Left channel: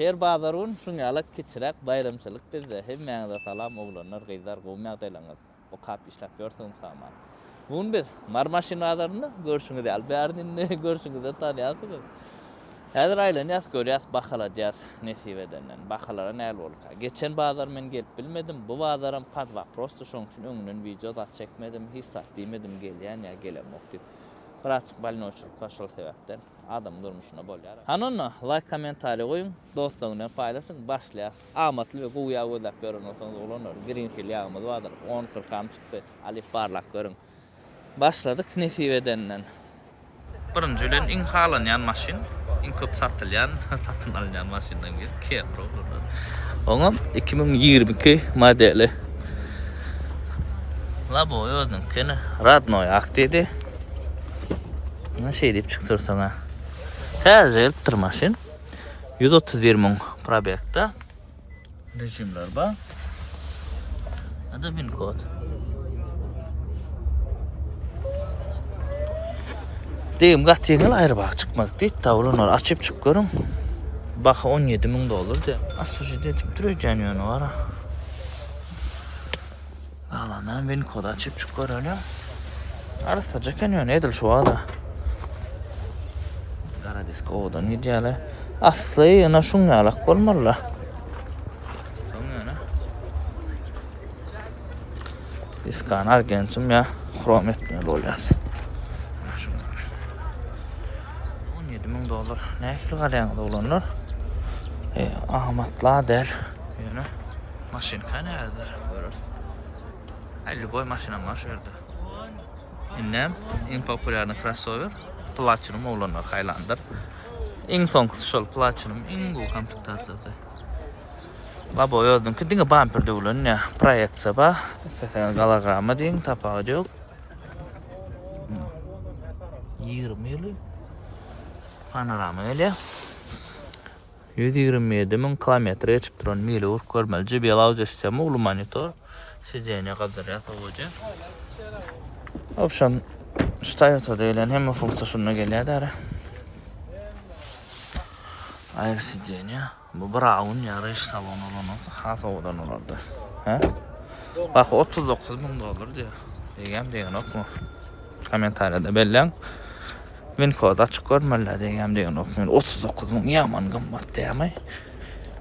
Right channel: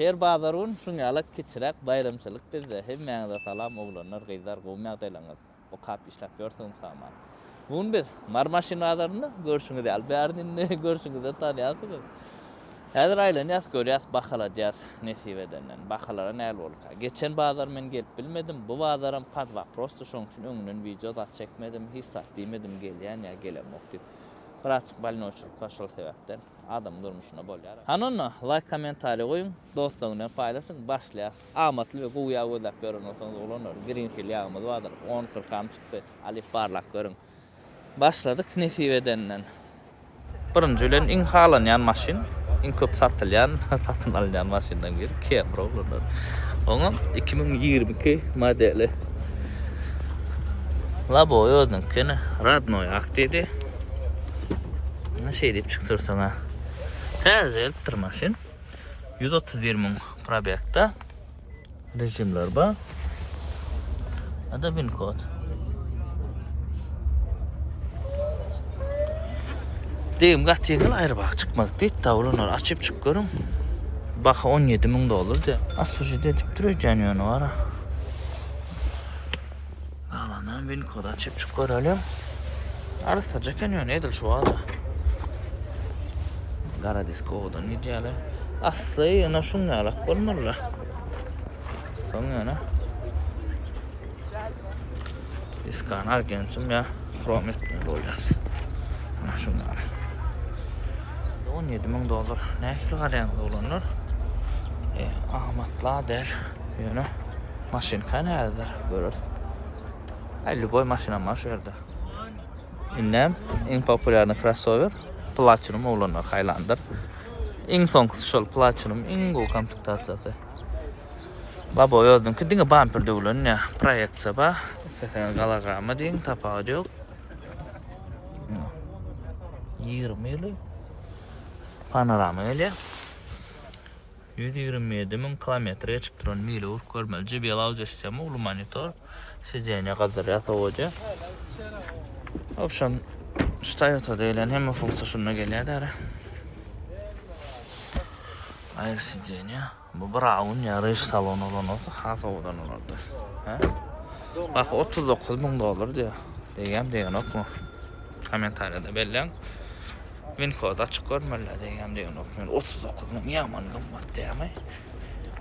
Her bazarın şunyalık keçirek bayramçılık bizde hemmeňe salam oglanlar gyzlar gowmak daýlaňyz. O kap işläp ýörsiň saman. Bugün bir marmaşin bazarynda görüşüňiz däl. Bärdinni görüşüňiz de tanýasyňyz. Häzir aýlanýas görýäs bakalajýas nesibedenden. Bakalara näl bolka. Geçen bazar men gelip bilmedim. Bu bazaram padwa prosto şoň üçin öňünden video da çekmedim. Hiç sat diýmedim gelýän ýa gelemok diýip. Bir açyk balinoçluk başal sebäpden adam durmuşuna bolýar. Hanonno like kommentary goýun, dostlaryňla paýlaşyň, başlaýar. Amatly we goýa gözläp görün olsaňyz bolanlar. Green Hill ýagymyz bardyr. 10-40 çykdy. Alif barlak görün. Başladyk nesibedenden. Birinji bilen iň halanýan maşin, iň köp satylýan, satyn alýan maşindan bir Camry bolar. Oňam 2022 modeli. Labo ýördüm kene Radnoy akdydy. Ne şey deyip çıktırsana. Tercih bir maşin. 131.000 probekta. Rejimler bu. Ada bin kod. Deyim gatiyinil ayrı bak çıkmadık deyip tavırlar açıp çık görün. Baka $17.000 diye. Asıl dedip duruyor canyon var ha. Alanın bin kod açıp çık görelim. Arısaca canyon edil şu ada. Gara disk odan ideale. Aslı ana şunyalık bolmalı. Şunyana. Diskan argentum ya. Krom etmiyor dolyas. Şunyalık. $17.000. Ne kilo garayanlı olanlar? Ahmetla del. Yani maşin kanaldır. Görür. 50 boy maşina var şurada. İnnem en popülerli crossover. Platinum olanlar Highlander. Iň soňky şol Platinum iň gowy komplektaýasy. Labo ýördüm ki diňe bumper döwlen ya. Proyetsa ba. Sen galagama diň tapagy ýok. 20 ýyly. Panorama ýa. 127.000 kilometre geçip duran mili urk görmeli. JBL audio sistemi, ulu monitor. Sizyenya kadar ýatawaja. Option Toyota deyilen hemme funksiyonuna gelýär däre. Ayrı sidyenya. Bu Brown ýa-da iş salonu bolan has owadan olardy. Bak $39.000 diýär. Degen okma. Kommentarlarda belläň. Men kod açyk görmeli degen okma. 39.000 ýaman gymmat diýämi.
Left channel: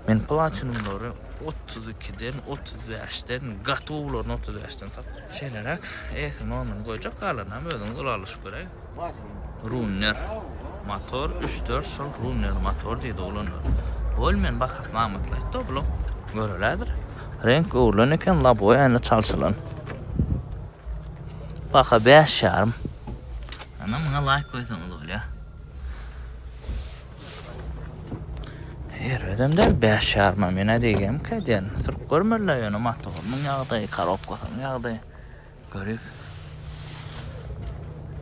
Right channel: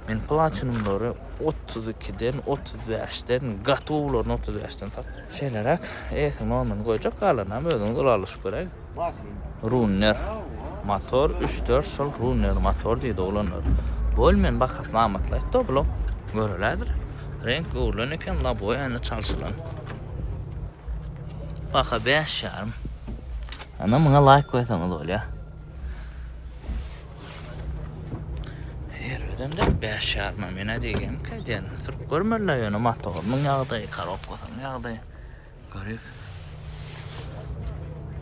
Men Platinumlary 32'den 35'den gatowlaryny 35'den sat. Şeýlerak, normal goýjak galanam özüň ulalyş gerek. Runner motor 3-4 şol Runner motor diýdi olanlar. Bolmen bakap namatlaýdy doblo. Görelädir. Renk ulan eken labo ýa-ni çalşylan. Baka 5,5. Ana muňa like goýsaňyz bolýar. Yerden 5,5 mena diýgem käden. Türk görmerler ýa-ni motoryň ýagdaýy karap goýsam ýagdaýy. Görýk.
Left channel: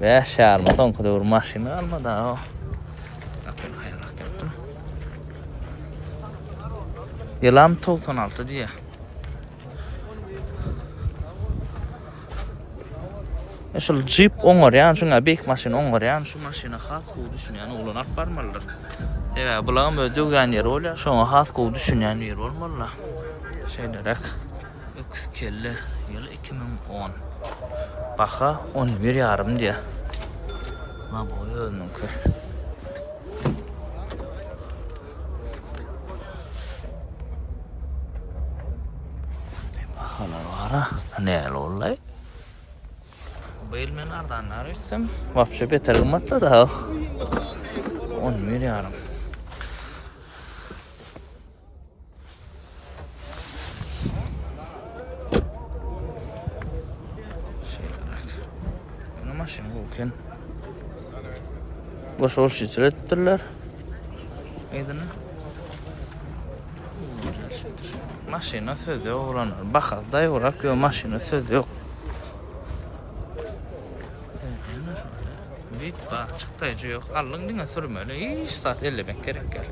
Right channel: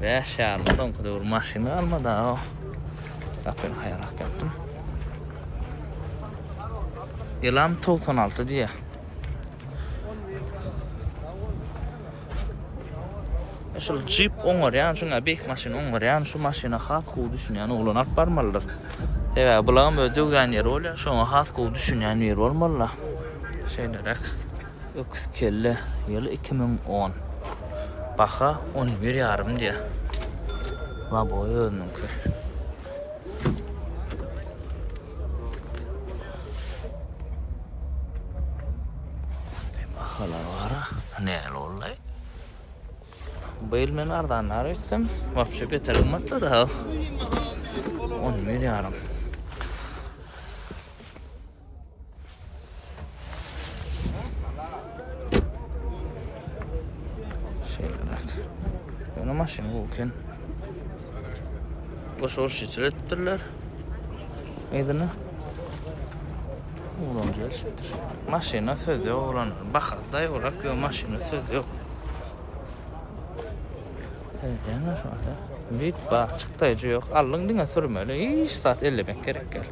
5,5 soňky döwür maşina almada o. Kapyn haýrak etdim. Ýylam 96 diýär. Şol Jeep oňarýan, şuňa bek maşina oňarýan, şu maşina has gowy düşünýän uglanak barmalylar. Evet, bulan böyle dögen yer oluyor. Şuna has kovu düşünen yer olmalı. Şeylerek. Öküz kelle. Yılı 2010. Baka 11,5 diye. Ma boyu ölmüm ki. Bakalar var ha. Ne olay? Bayıl men ardanlar etsem. Vapşe beter gımmatla da. 11,5. Maşin bulken boş hoş ettirler. Aydın. Ulan geliştir. Maşina sözü olanlar. Bakaz da yorak yo maşina sözü yok. Evet yani sonra. Bit bak çıktayıcı yok. Allın dine sürmeli. Hiç saat 50 ben gerek gel.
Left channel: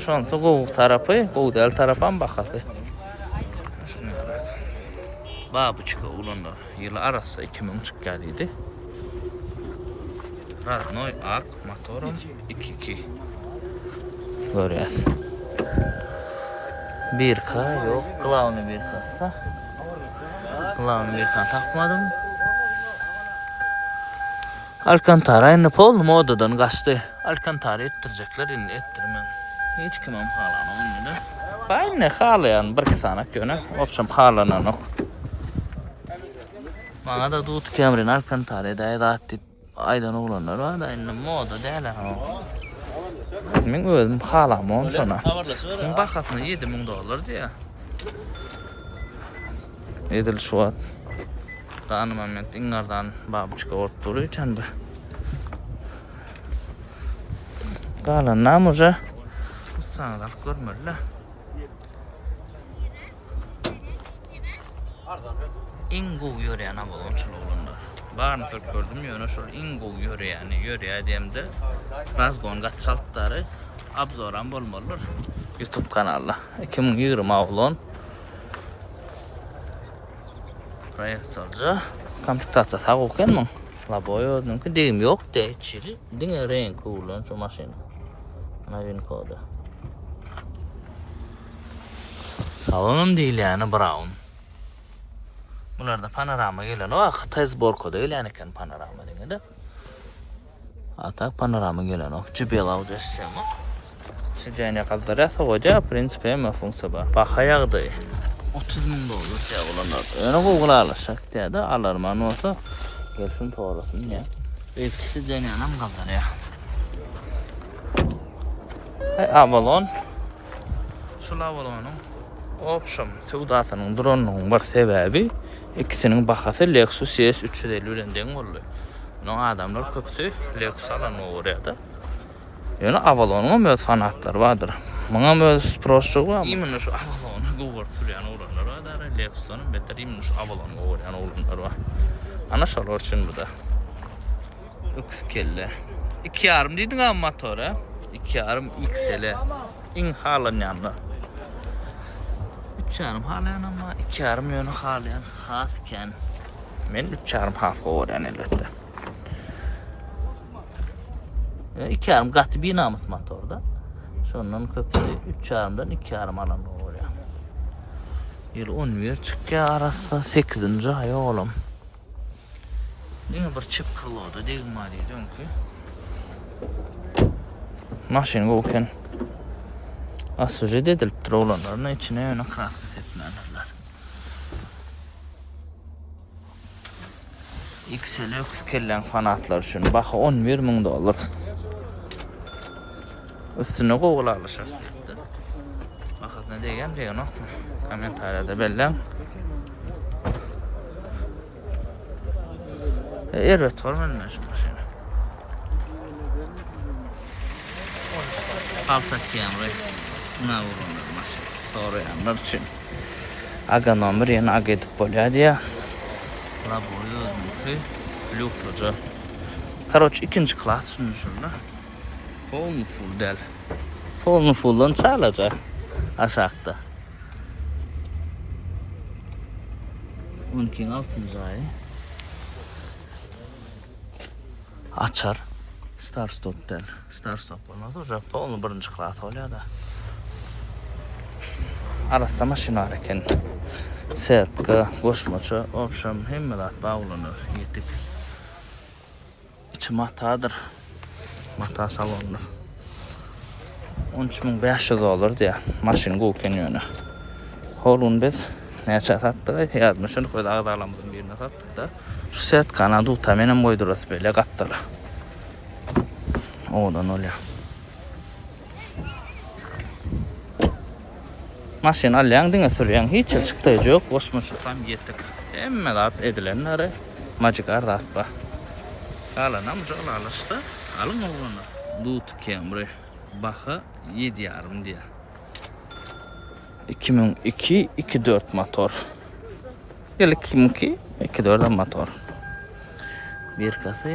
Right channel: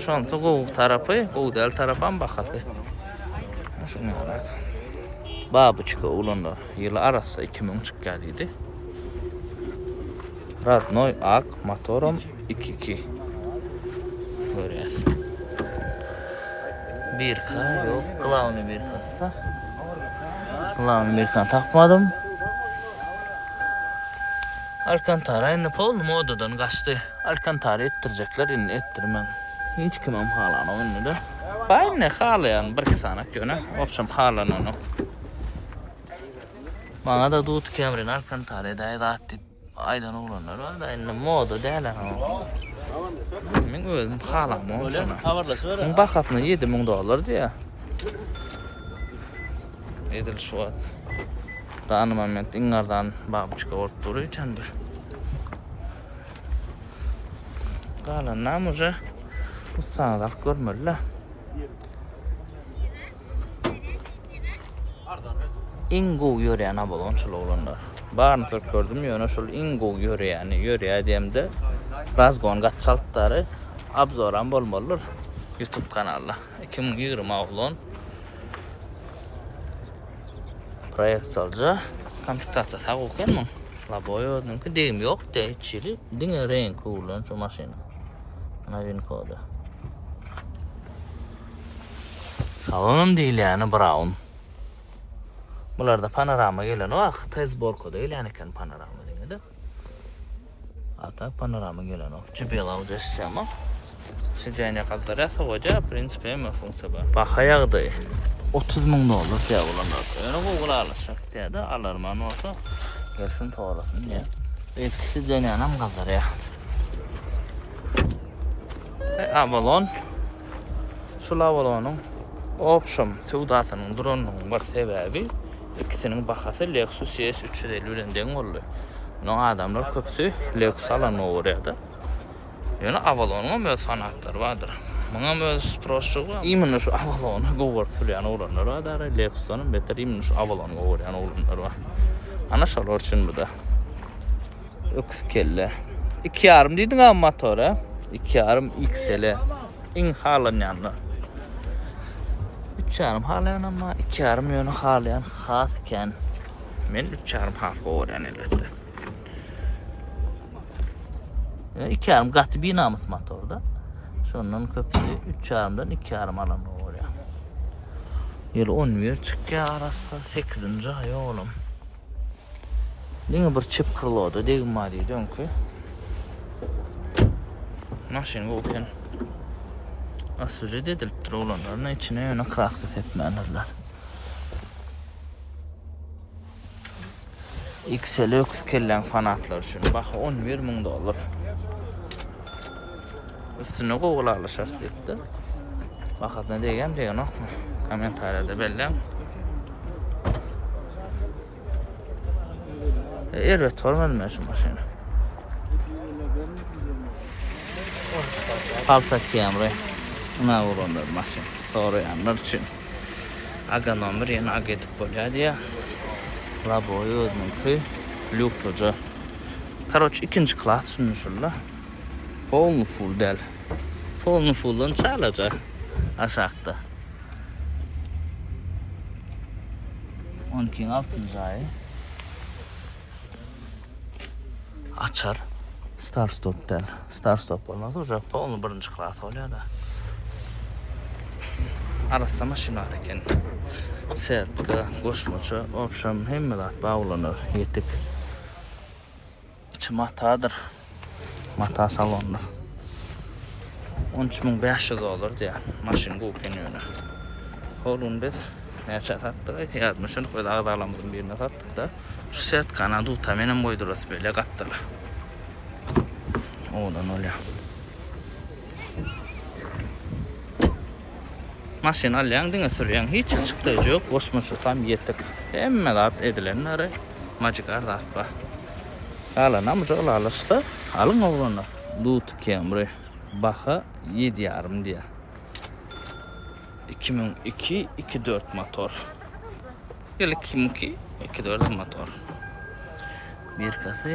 Şu an soğuk tarafı, Goğdel tarafan bakası. Şunu yarak. Babı çıkı olanlar. Yılı arası 2000 çık geldiydi. Radnoy ak motorum 2.2. Görüyoruz. Birka yok. Kılavunu birkası. Kılavunu birkan takmadım. Alcantara inip oldum odadan kaçtı. Alcantara ettirecekler, inni ettirmem. Hiç kimim halana oynadı. Ben ne halayan bir kısanak yöne. Opşam halanan ok. Bana da dut kemrin Alcantara'da edatip aydan oğlanlar var da eline moda değerler o. Men özüm halamam şuna. Ben bakatını $7,000 diye. Edil şu an. Kanımam men ingardan babuçka orturu için bu. Kalan namuca. Bu sanalar görmürler. Ingo yöreyen abalonçul oğlanlar. Barını tırp gördüm yöne şol Ingo yöreyeni yöreye diyemde Razgon gatçaltları abzoran bolmalıdır YouTube kanalda 2020 avlon proyektsalca kompütatsiya sağ oken mi? Laboyodun ki deyim yok de içeri dine renk ulan şu maşin maşin kodu salonum değil yani brown. Bularda panorama gelen o tez borko değil yani kan panorama degende. Atak panorama gelen o cibel audio sistemi. Sıcağına kadar ya soğuca prinsipe mi funksiya var. Bakayaqdı. $30,000 ya olanlar. Öyle Google alışak diye de alarman olsa gelsin doğrusun ya. Etkisi denyanam kadar ya. Avalon. Şu Avalon'un option sevdasının drone'un bir sebebi ikisinin bakası Lexus S350 ürenden oluyor. Onun adamlar köpsü Lexus alan oraya. Yani Avalon'un öz fanatlar vardır. Bana öz prosçuk var. İmin şu Avalon'a govartulayan olanlar var. Lexus'un beter imin şu Avalon'a govartulayan olanlar var. Ana şalor şimdi de. Öküz kelle. 2.5 dedin ama motora. 2.5 XL. İn halan yanına. 3.5 halayan ama 2.5 yönü halayan hasken. Men 3.5 has govartulayan elbette. 2.5 katı binamız motorda. Sonunun köpüğü 3.5'dan 2.5 alan oluyor. Yıl 11 çıkça arası 8. ay oğlum. Yine bir çip kırılıyordu degim ma diyeceğim ki. Maşin oken. Asıcı dediliptir oğlanların içine yöne kraska setlenirler. XL öküz kellen fanatlar için bak $11,000. Üstüne Google alışar etti. Bakat ne degen degen ok mu? Komentariyada belli. Evet, hormadım ben şimdi seni. Palta Camry. Buna vurulur maşin. Soruyanlar için. Aga nomor yine aga edip bolya diye. Laboyu özününki lükluca. Karoç ikinci klas şunu şurada. Polnu full del. Polnu full'un çalacak aşağıda. 12'nin 6. ayı. Açar. Start stop del. Start stop olmaz olacak. Polnu birinci klas oluyor da. Arasında maşina hareken. Serpka, koşmaça, opşam hemmelat bağlanır. Yetik. İçi matadır. Mata salonda. $13,500 diye maşin koyken yönü. Holun biz neçe sattık? Yazmışın koyda ağdalamızın birine sattık da. Şu set kanadı utamenem koydurası böyle kattıra. Oğlan oluyor. Maşin alayan dine sürüyen hiç çıktığı yok. Koşmuş uçan yetik. Hemmelat edilenleri macık ardat var. Alanamız ol alıştı. Alın oğlanlar. Dut Camry. Baha 7.5 diye. 2002 2.4 motor. Yıl 2002 2.4 motor. Bir kası.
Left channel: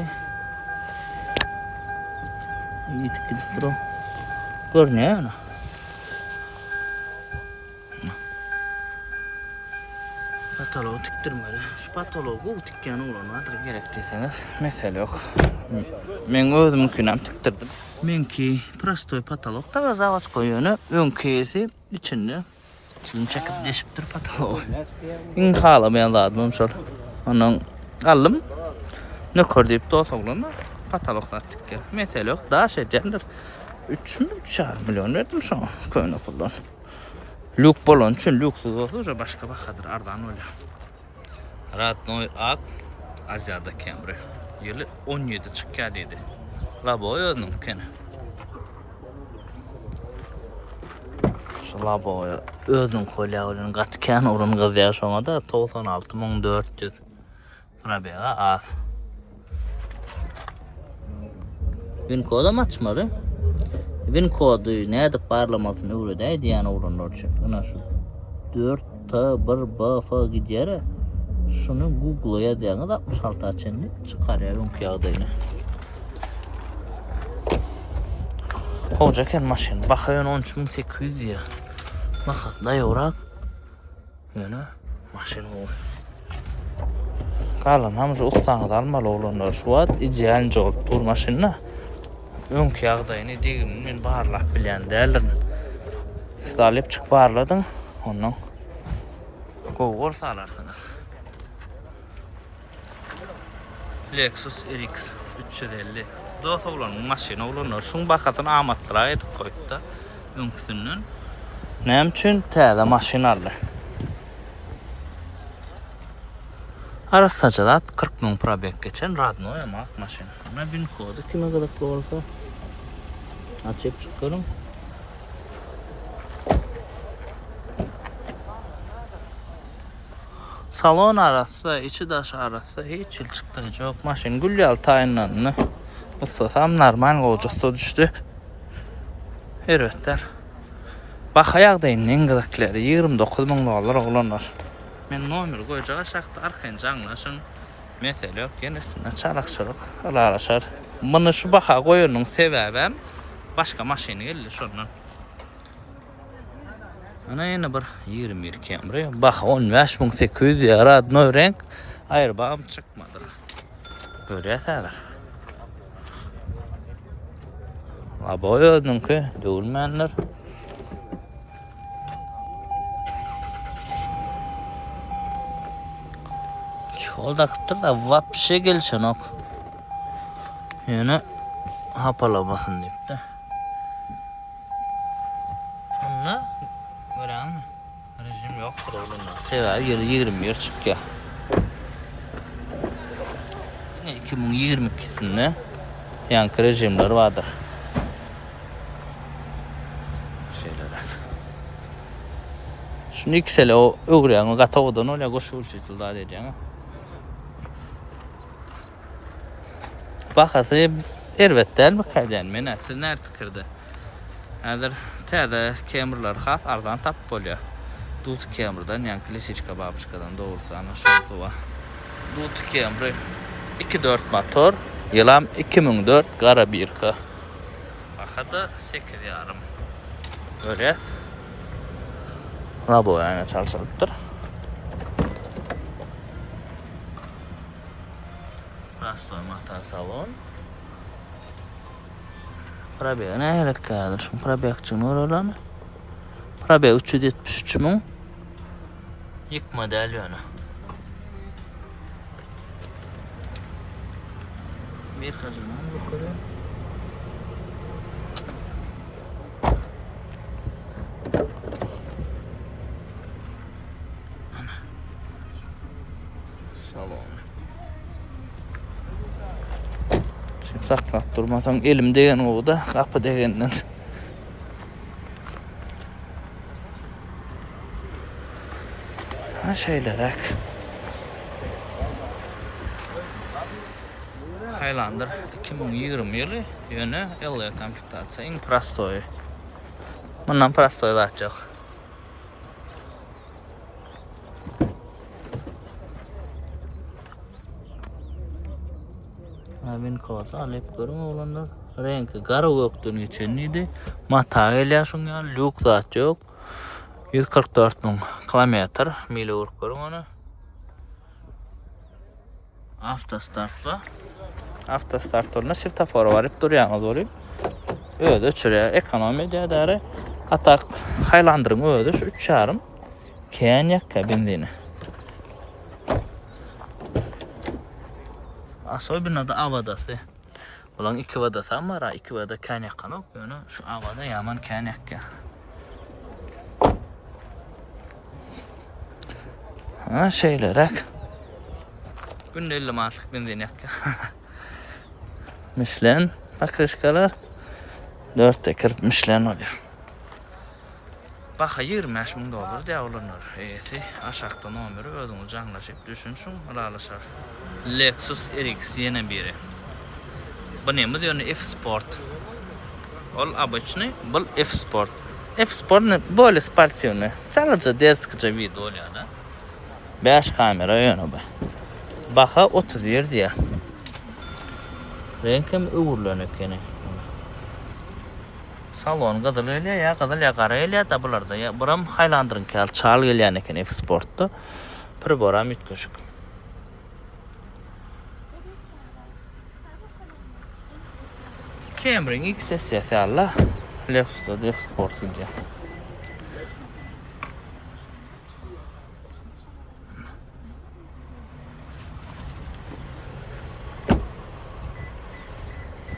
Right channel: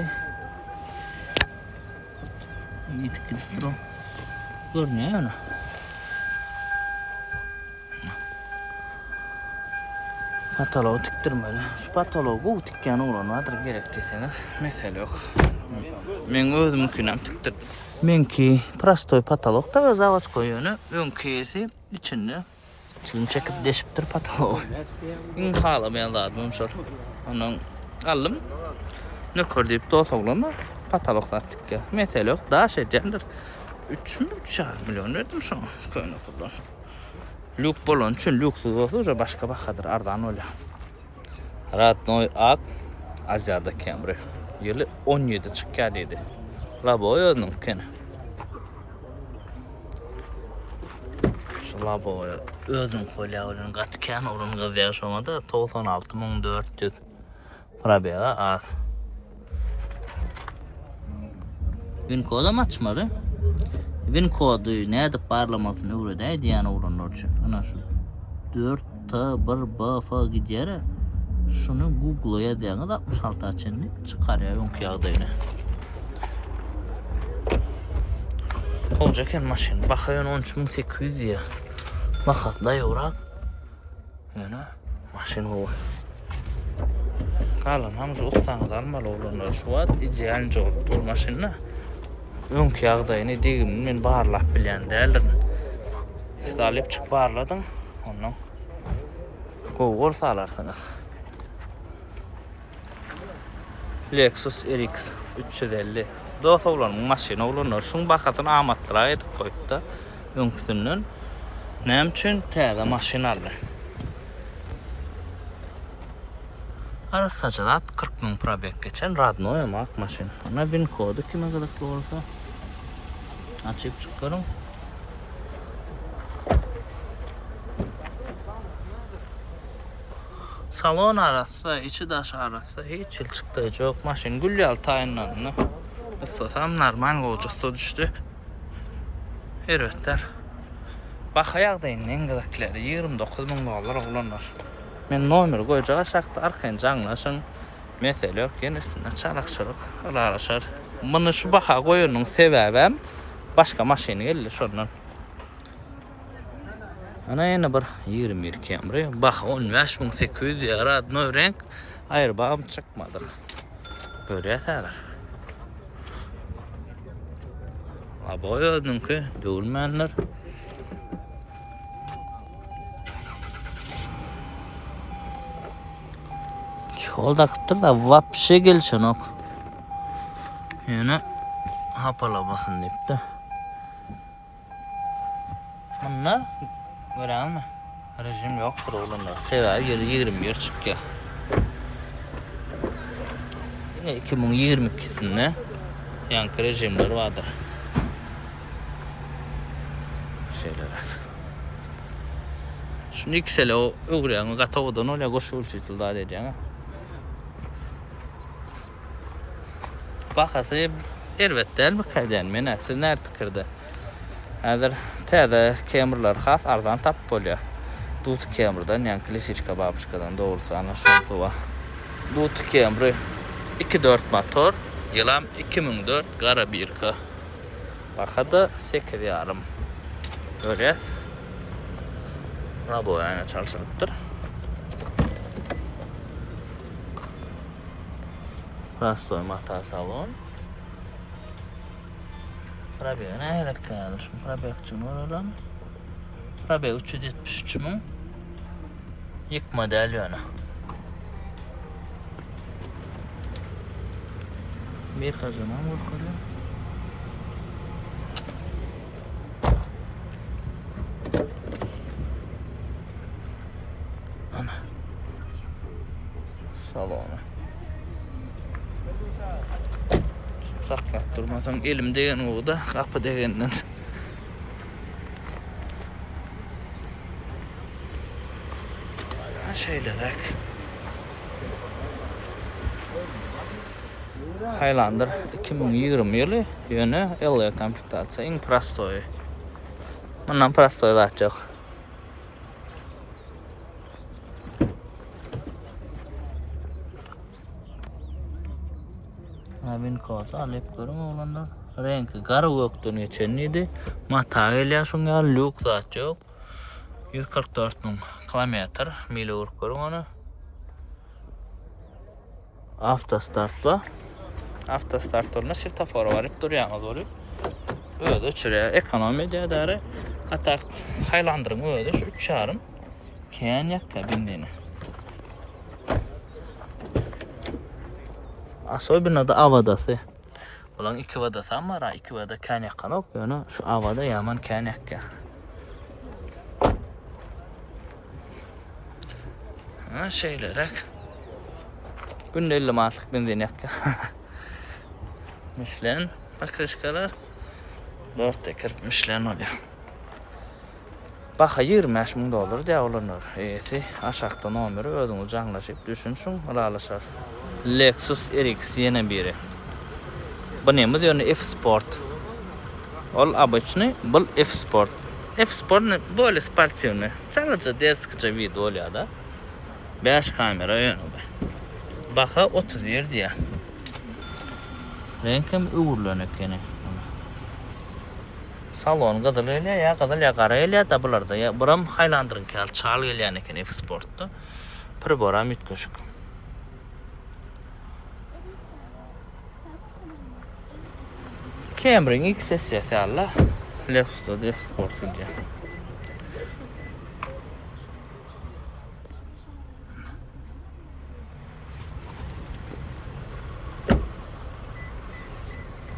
İyi bro. Gör ne yani? Patoloğu tiktirmeli. Şu patoloğu tikken olanlardır gerektiyseniz mesele yok. Men özüm künəm tiktirdim. Menki prostoy patolog da zavod koyunu önkesi içinde Çilim çekip deşiptir patalı. İn pahalamayan lazım şol. Onun aldım. Ne kor deyip dosa bulama patalıklattık ya. Mesele yok. Daha şey candır. 3,5 milyon verdim şuna. Köyüne puldan. Lük bolon için lüksüz olsa başka bakadır. Ardan öyle. Radnoy Ak Asya'da Camry. Yılı 17 çıkkar dedi. Laboy onun kene. Şu laboy özün kolya onun katken orun kız yaşamada 96.400 Rabi'a az. Win koda mı açmadı? Win kodu ne de parlamasını uğradaydı yani orun için. Ona şu 4 ta bir bafa gider. Şunu Google'a yazanız 66 açını çıkarıyorum kağıdını. Hocaken maşin. Bakayın 13.800 ya. Bakat da yorak. Yani maşin bu. Kalan hamısı ustanız almalı olanlar şu an ideal oldu dur maşinle. Ön kağıdını degim men barlap bilen değerlerim. Siz alıp çık barladın. Ondan Google sağlarsınız. Lexus RX 350 dosa ulan maşina ulanlar şun bakatın amatlara edip koyup da önküsünün nem için tələ maşinalı. Arasacılat 40.000 probek geçen Radno yamak maşina. Ona bin kodu kime kadar olsa açıp çıkarım. Salon arası, içi daş arası hiç çıktı yok maşin gülyal tayinlanını. Ustasam normal olacaksa düştü. Hervetler. Bak ayaqdayım en gıdıkları 29.000 dolar olanlar. Men nomer koyacak aşağıda arkayın canlaşın. Mesele yok yenisine çalak alaşar. Bunu şu baka koyunun sebebim başka maşini gelir şundan. Ana yine bir 21 Camry. Bak 15.800 yarad no renk. Hayır bağım çıkmadı. Böyle yasalar. Laboyodun ki dövülmenler. Yolda kıttır da vapşe gelsin ok. Yine hapalamasın deyipti. Anna böyle mi? Rejim yoktur oğlumlar. Sever yılı 20 yer çık ya. 2022'sinde yankı rejimleri vardır. Şeyler. Şimdi ikisele o uğrayan gatavudan öyle koşul çıtıl daha dedi yani. Bakası elbette el mi kayden menatı nerede kırdı? Hazır tədə Camry'lar xas arzan tap bolya. Dut Camry'dan yani klasik babuşkadan doğrusu ana şansı var. Dut Camry 2.4 motor, yılam 2004 qara 1K. Baxada 8 yarım. Görüyoruz. Rabo yani çalışıptır. Rastoy mata salon. Probeye ne gerek kalır? Probeye için oralar mı? Probeye 373 mu? İlk model yana. Bir kazanan motoru. Ana. Salonu. Şimdi saklap durmasam elim degen o da kapı degenden. Şeyler Highlander 2020 yılı yönü LE komplektasyon prostoy. Bundan prostoy daha çok. Navin kodu alıp görüm olanlar. Rengi garı yoktu içeniydi. Mata ile şunga lük zat yok. 144.000 kilometre mili vuruk görüm onu. Автостарт var. Автостарт oluna svetoforu var. Hep duruyor doğru. Öyle şuraya ekonomi değeri. Hatta Highlander'ın öyle şu 3.5 Kenyak benzini. Особенно da avadası. Ulan iki vadası ama ra iki vada kenyak kanok yani şu avada yaman kenyak ya. Ha şeylerek. Günde 50 maatlık benzin yakya. Michelin pakrışkalar 4 tekir Michelin oluyor. Baxa 25 000 dolar diye olunur. Esi aşağıda nomeri özünüz canlaşıp düşünsün ralaşar. Lexus RX yine biri. Bu neymi diyor F-Sport. Ol обычный, bu F-Sport. F-Sport böyle sportsiyonu. Sadece derskıca video oluyor da. 5 kamera yönü bu. Baxa 31 diye. Renkim uğurlanıyor kene. Salon qızıl elə ya, qızıl ya qara elə da bularda ya. Buram Highlander'ın kel çal gələn ekan F-Sportda. Pribora mitkoşuk. Camry'nin XS alla. Lexus'da F-Sport gidecek.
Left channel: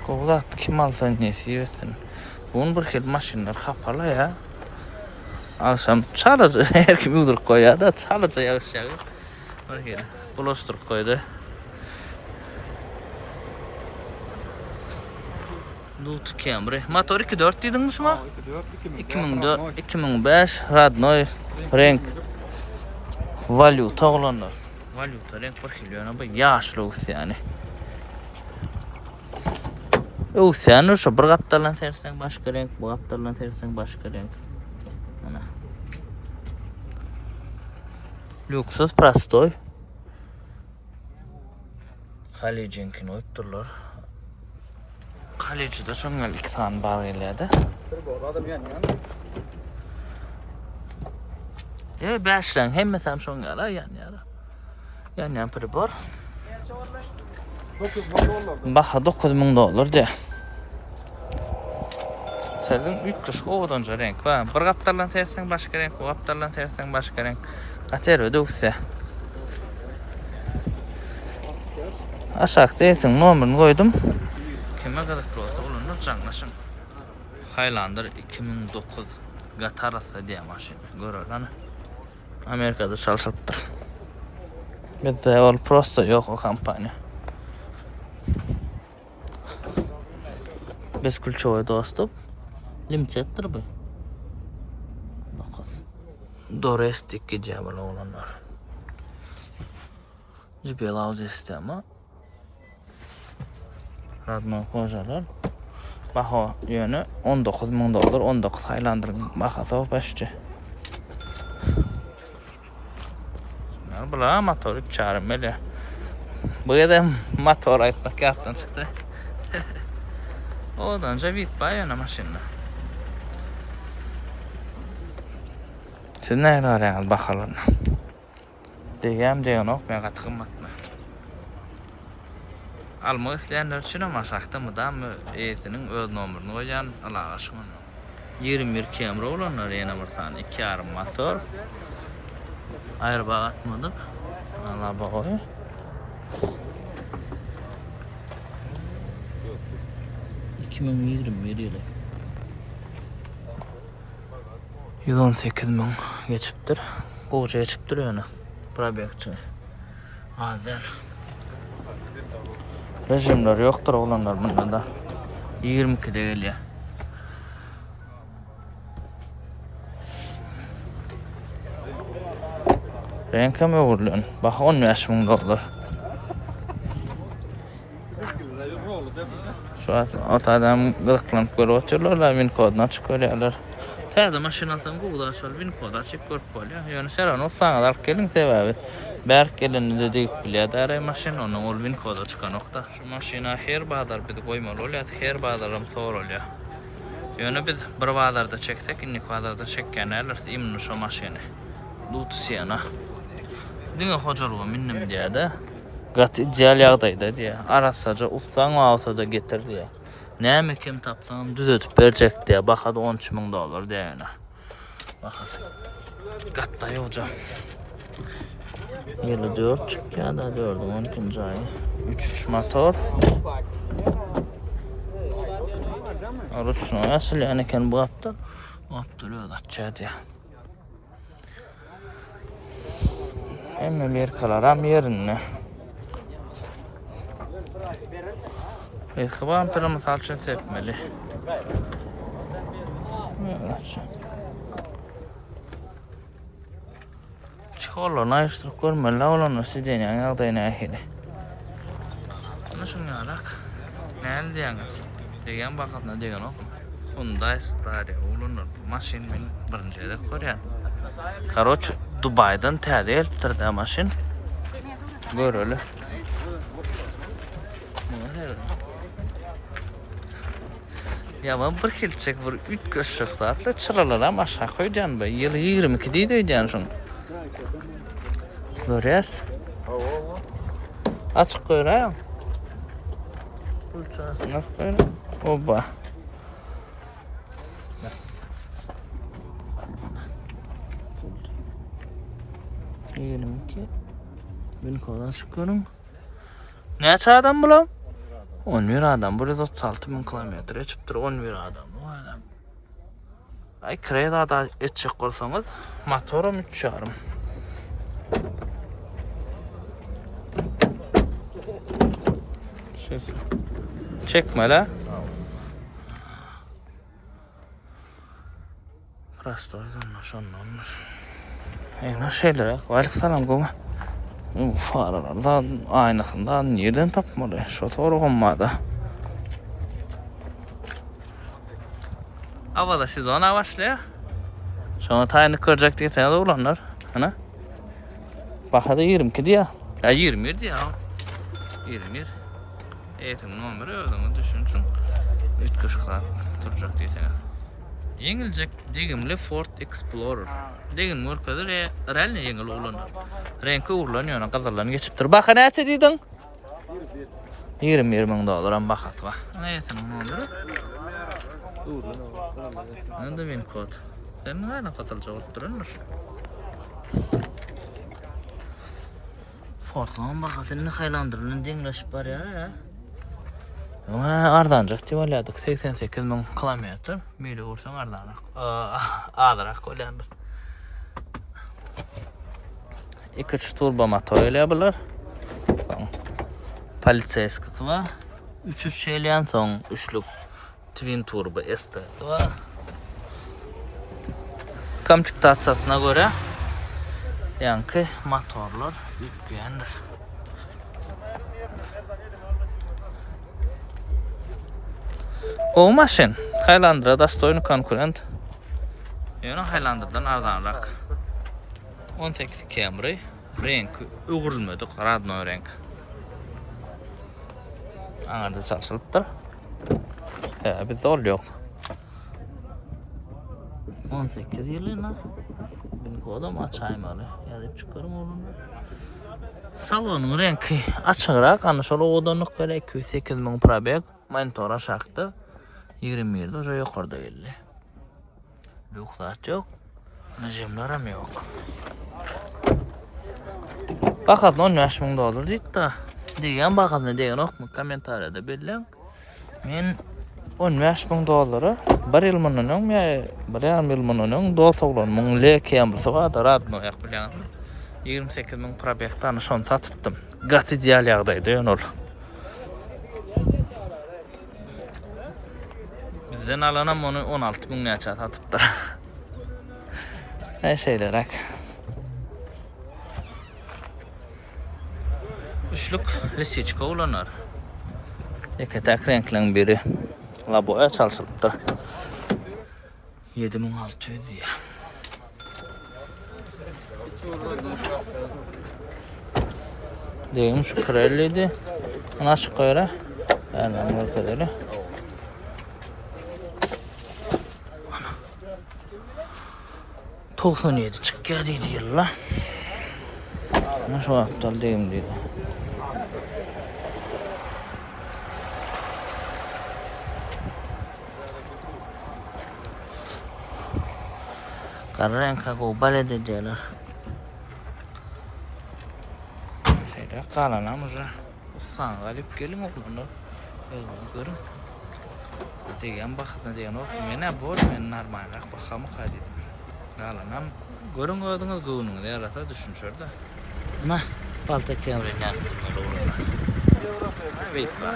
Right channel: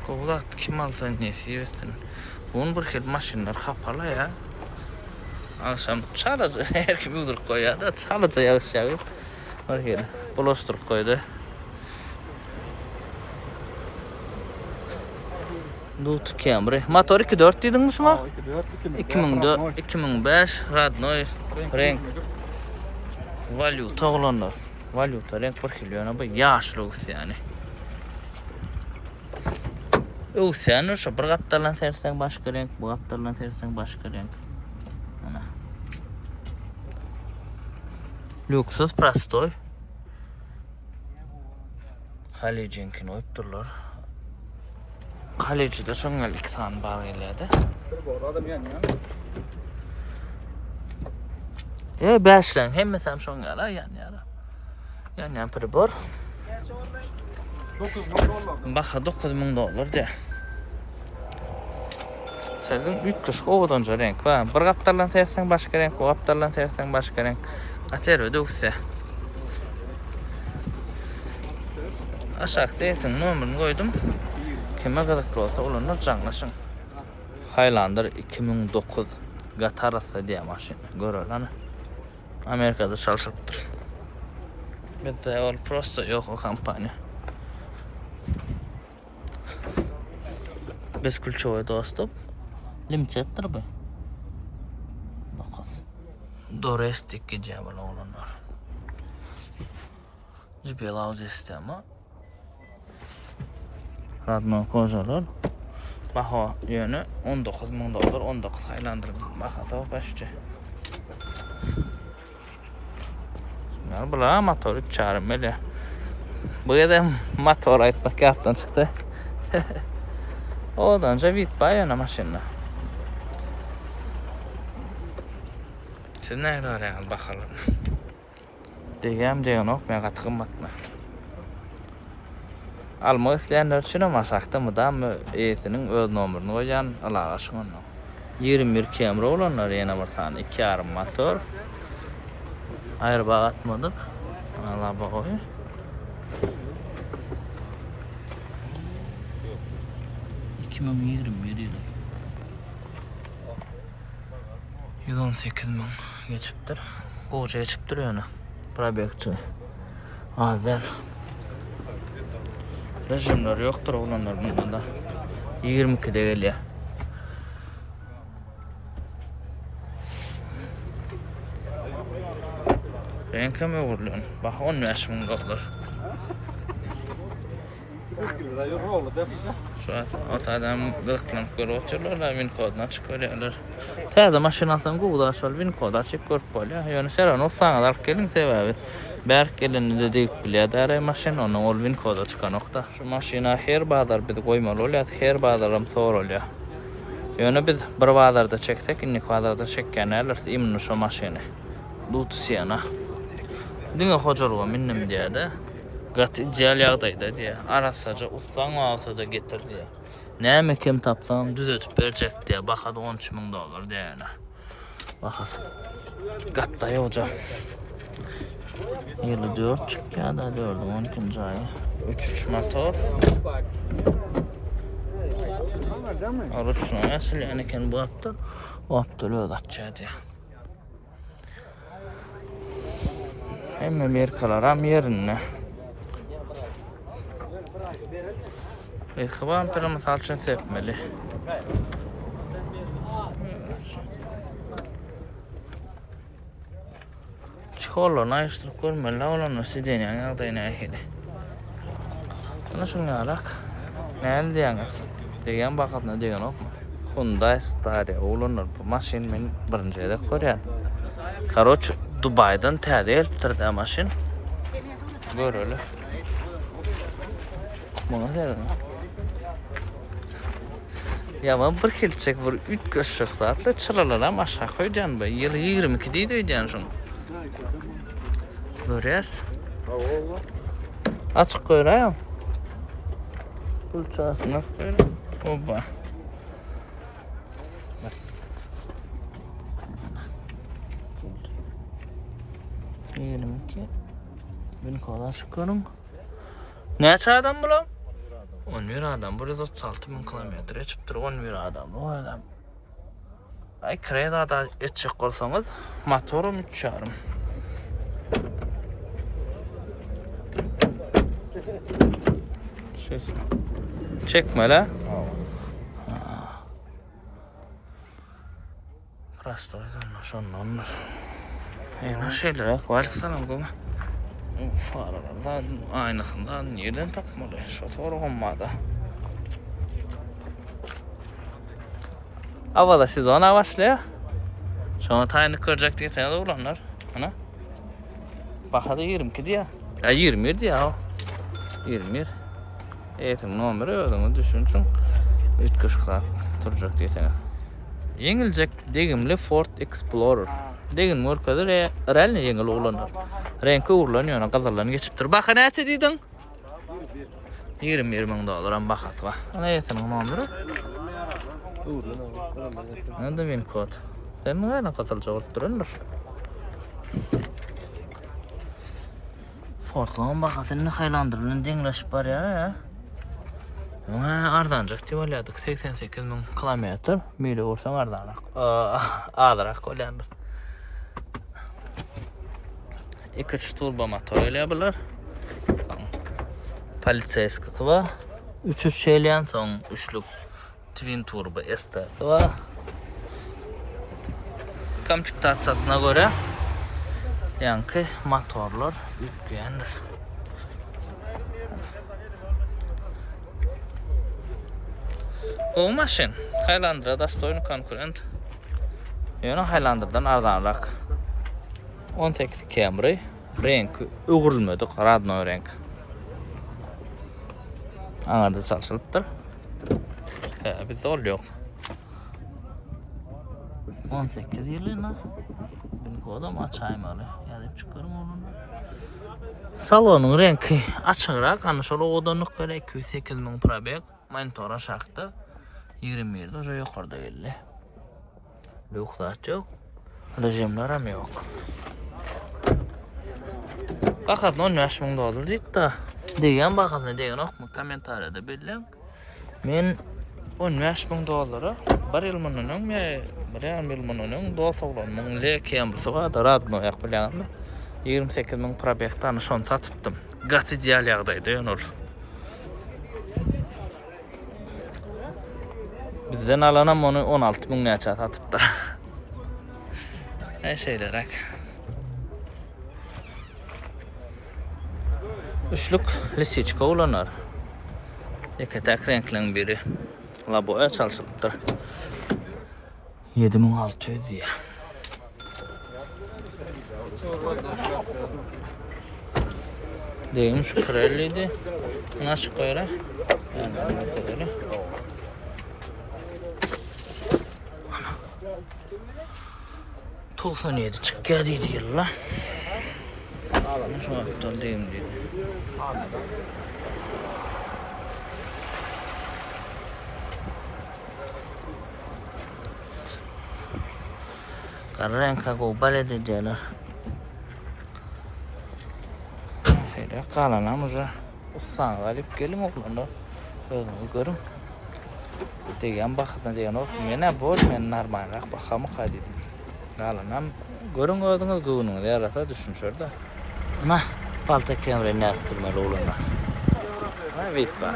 Kovlat kim alsan nesi yesin. Bunun bir xil maşinlar xapala ya. Akşam çalıcı her kim udur koyar da çalıcı yağış yağır. Bir xil blostur koydu. Dut Camry. Motor 2.4 dediniz mi? 2004, 2005 Radnoy renk valuta olanlar. Valuta renk bir xil yana bu yaşlı yani. Sen şu bir kaptalan sersen başka renk, bu kaptalan sersen başka renk. Lüksus prostoy. Halicinkin oyupturlar. Halici de sonraki san bağırıyladı. Beşlen hem mesela sonraki yan pribor. Baxa 9000 dolar de. Senin 300 oğdanca renk var. Bir kaptalan sersen başka renk, o kaptalan sersen başka renk. Ater ödükse. Aşağıda hepsinin numaranı koydum. Kime kadar olsa olunur canlaşın. Highlander 2009 Gatarasa diye maşin. Görüyorlar mı? Amerika'da çalışıptır. Bizde ol prosto yok o kampanya. Biz külçoya dostum. Limiteddir bu. Dorestik gidiyor böyle olanlar. JBL audio sistemi. Radno kojalar. Baha yönü 19.000 dolar. 19 Highlander'ın bahası o başçı. Yani bula motor 3 çağırım böyle. Bu ya motor aytmak yaptan çıktı. Odan önce vit bayana maşinle. Siz ne arayın bakalım. Diyem ok ne kadar kımmatma. Almak isteyenler için ama şaxta mı da mı eğitinin öz numarını koyan alalaşın onu. 21 Camry olanlar yine bir tane 2.5 motor. Ayrı bağ atmadık. Allah bağı. yılı. 118.000 geçiptir. Koca geçiptir yani. Probekti. Aden. Rejimler yoktur olanlar bunda da. 22'de geliyor. Renke mi vuruluyor? Bak 15.000 dolar. Şu an otadan gıdıklanıp görüp oturuyorlar, win koduna çıkıyorlar. Teyze maşinasını Google'a açıyor, win kodu açıp görüp oluyor. Yani sen onu sana alıp gelin sebebi. Berk gelin de deyip biliyor da aray maşin, onun ol win kodu çıkan nokta. Şu maşina her bağlar bir koymalı oluyor, her bağlarım zor oluyor. Yani biz bir bağlarda çeksek, inni bağlarda çekken alırsa imnu şu maşini. Lutsiyana. Dine hocalığı minnim diye de. Gat ideal yağdaydı diye. Arasaca ussan ağasaca getir diye. Neyme kim tapsam düzeltip verecek diye. Bakada 13.000 dolar diye yani. Bakasın. Gattayı hoca. Yılı 4 çıkıyor da 4'ün 12. ayı. 3 motor. Arıçın oyası yani ken bu hafta. O hafta öyle kaçacaktı ya. Hem Amerikalar hem yerine. İlkıban pırı misal için tepmeli. Çıkarlar ayıştırıp görmeli. Olanlar sizden yani ağdayın ahili. Buna şunu alak. Ne diyeniz? Degen bakatına degen ok mu? Hyundai Staria olanlar bu maşin men birinci edek koruyan. Karoç Dubai'dan tədi eltirdi maşin. Görölü. Buna diyenen. Ya ben bir kilçek bir 3 köşük saatli çıralara aşağı koyacağım be. Yılı 22 değil ödeyeceğim şunu. Görüyoruz. Açık koyayım. Pulçası nasıl koyayım? Oba. Diyelim ki ben kadar çıkıyorum. Ne açıdan bulam? 11 adam. Buraya 36.000 kilometre çıktır. 11 adam. O adam. Ay kreda da etçek olsanız motorum 3.5. Ses. Çekme la. Prosto onlar. Nasıl şeyler ya? Kolaylık salam goma. Faralar aynasından nereden tapmalı? Şu soru olmadı. Havada siz ona başlıyor. Sonra tayını kıracak diye sana da olanlar. Ana. Bak hadi 22 diye. Ya 20 diye o. 20. Eğitim numarı ödümü düşünsün. 3 kışklar duracak diye sana. Yenilecek degimli Ford Explorer. Degin mürkadır realne yengil olanlar. Renki uğurlanıyor, kazarlarını geçiptir. Baka ne açı dedin? 20 dolar bakat var. Ne yetin onu onları? Ne de bin kod. Sen ne katılacak olup durundur? Ford'lan bakatını haylandırının dengleşip var ya. Ama ardancak diyorlardık 88.000 kilometre. Mili vursan ardancak. Ağdırak koyandır. 2 turbo motor eleyebilir. Politseyskisi var. 3 şeyleyen son üçlük twin turbo estesi var. Komplektasyasına göre yankı motorlar yükleyendir. O maşin Highlander'da stoyunu konkurent. Yani Highlander'dan ardanrak. 18 Camry renk uğurulmadı, radno renk. Anada çalışılıptır. Bizde ol yok. 18 yılına ben kodum açayım alı. Yazıp çıkarım onu. Salonun rengi açıkrak, ana şöyle odanlık böyle 208.000 probek. Monitor aşağıda 27 o yukarıda belli. Lüksat yok. Rejimler hem yok. Bakın 15.000 dolar deyip de degan bakın ne degan ok mu komentariyada belirlen. Men 15.000 doları bir yıl munun ya bir yıl munun do'soglan mun leken bu sağa da radno yak bilen 28.000 probektan son satıptım. Gat ideal yağdaydı yönol. Bizden alanam onu 16.000 neçe satıptı. Ne şeylerek. Üçlük lisiçka ulanır. İki tek renklerin biri. Laboya çalışılıptır. 7.600 ya. Deyim şu kralliydi. Ana şu koyra. Yani ne kadar. 97 çıkıyor dedi yılla. Ana şu aptal deyim dedi. Qara renka gobal edeceler. Şöyle kalanamıza usan galip gelin oğlanlar. Özünü görün. Degen bakıdan degen olsun. Mene bol men narmayrak bakamı kadedim. Kalanam görün özünüz gıvınını da yarata düşünüşür da. Ama balta kemre ne aktarmalı oğlanlar. Evet bak.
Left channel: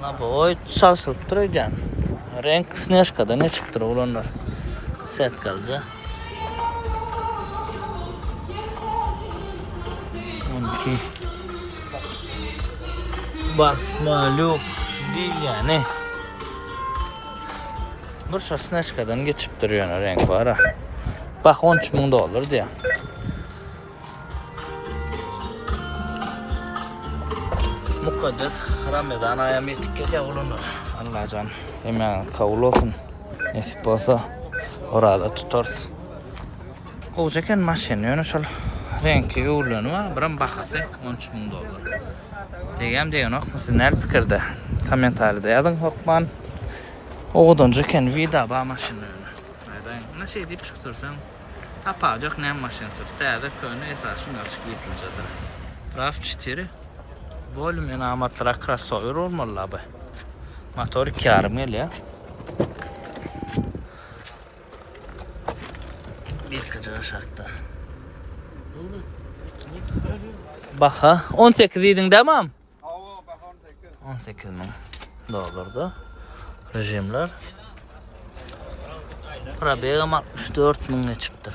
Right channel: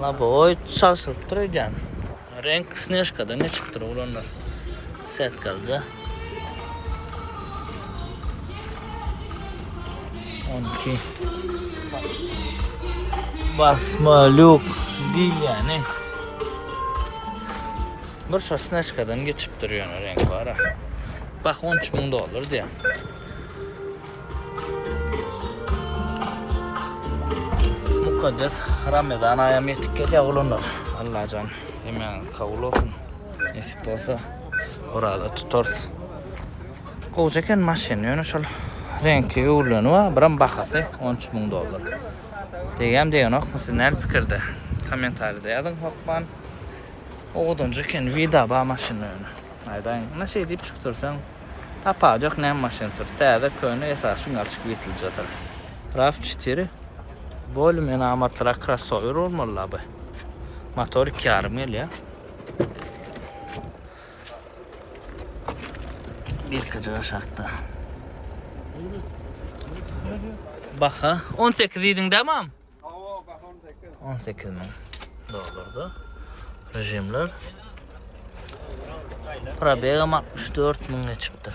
La boy çalışıp duracağım. Renk snежкада ne çıktı oğlanlar. Set kalacak. 12 basma luk diyeceğine bir snежкадан geçip duruyor renk var ha. Bak $13.000 diye. Mukaddes Ramazan ayam yetik geliyor oğlanlar. Allah can hemen kavul olsun. Nasip olsa orada tutarız. Kocaken maşin yani şöyle renki yoğurluğunu var. Biram bakası $13.000. Degem deyin ok musun el fikirde. Komentarda yazın hokman. Oğuduncuken vida ba maşinini. Aydan ne şey deyip çıktırsan tapacak ne maşin sır. Täze köyüne esasın açık bitiljadır. RAV4 volüm enamatlara crossover olmalı abi. Motor 2.5 geliyor. Bir kıcı aşağıda. Baka 18 idin demem. 18 mi? Doğrudur. Rejimler. Probegam 64.000 geçiptir.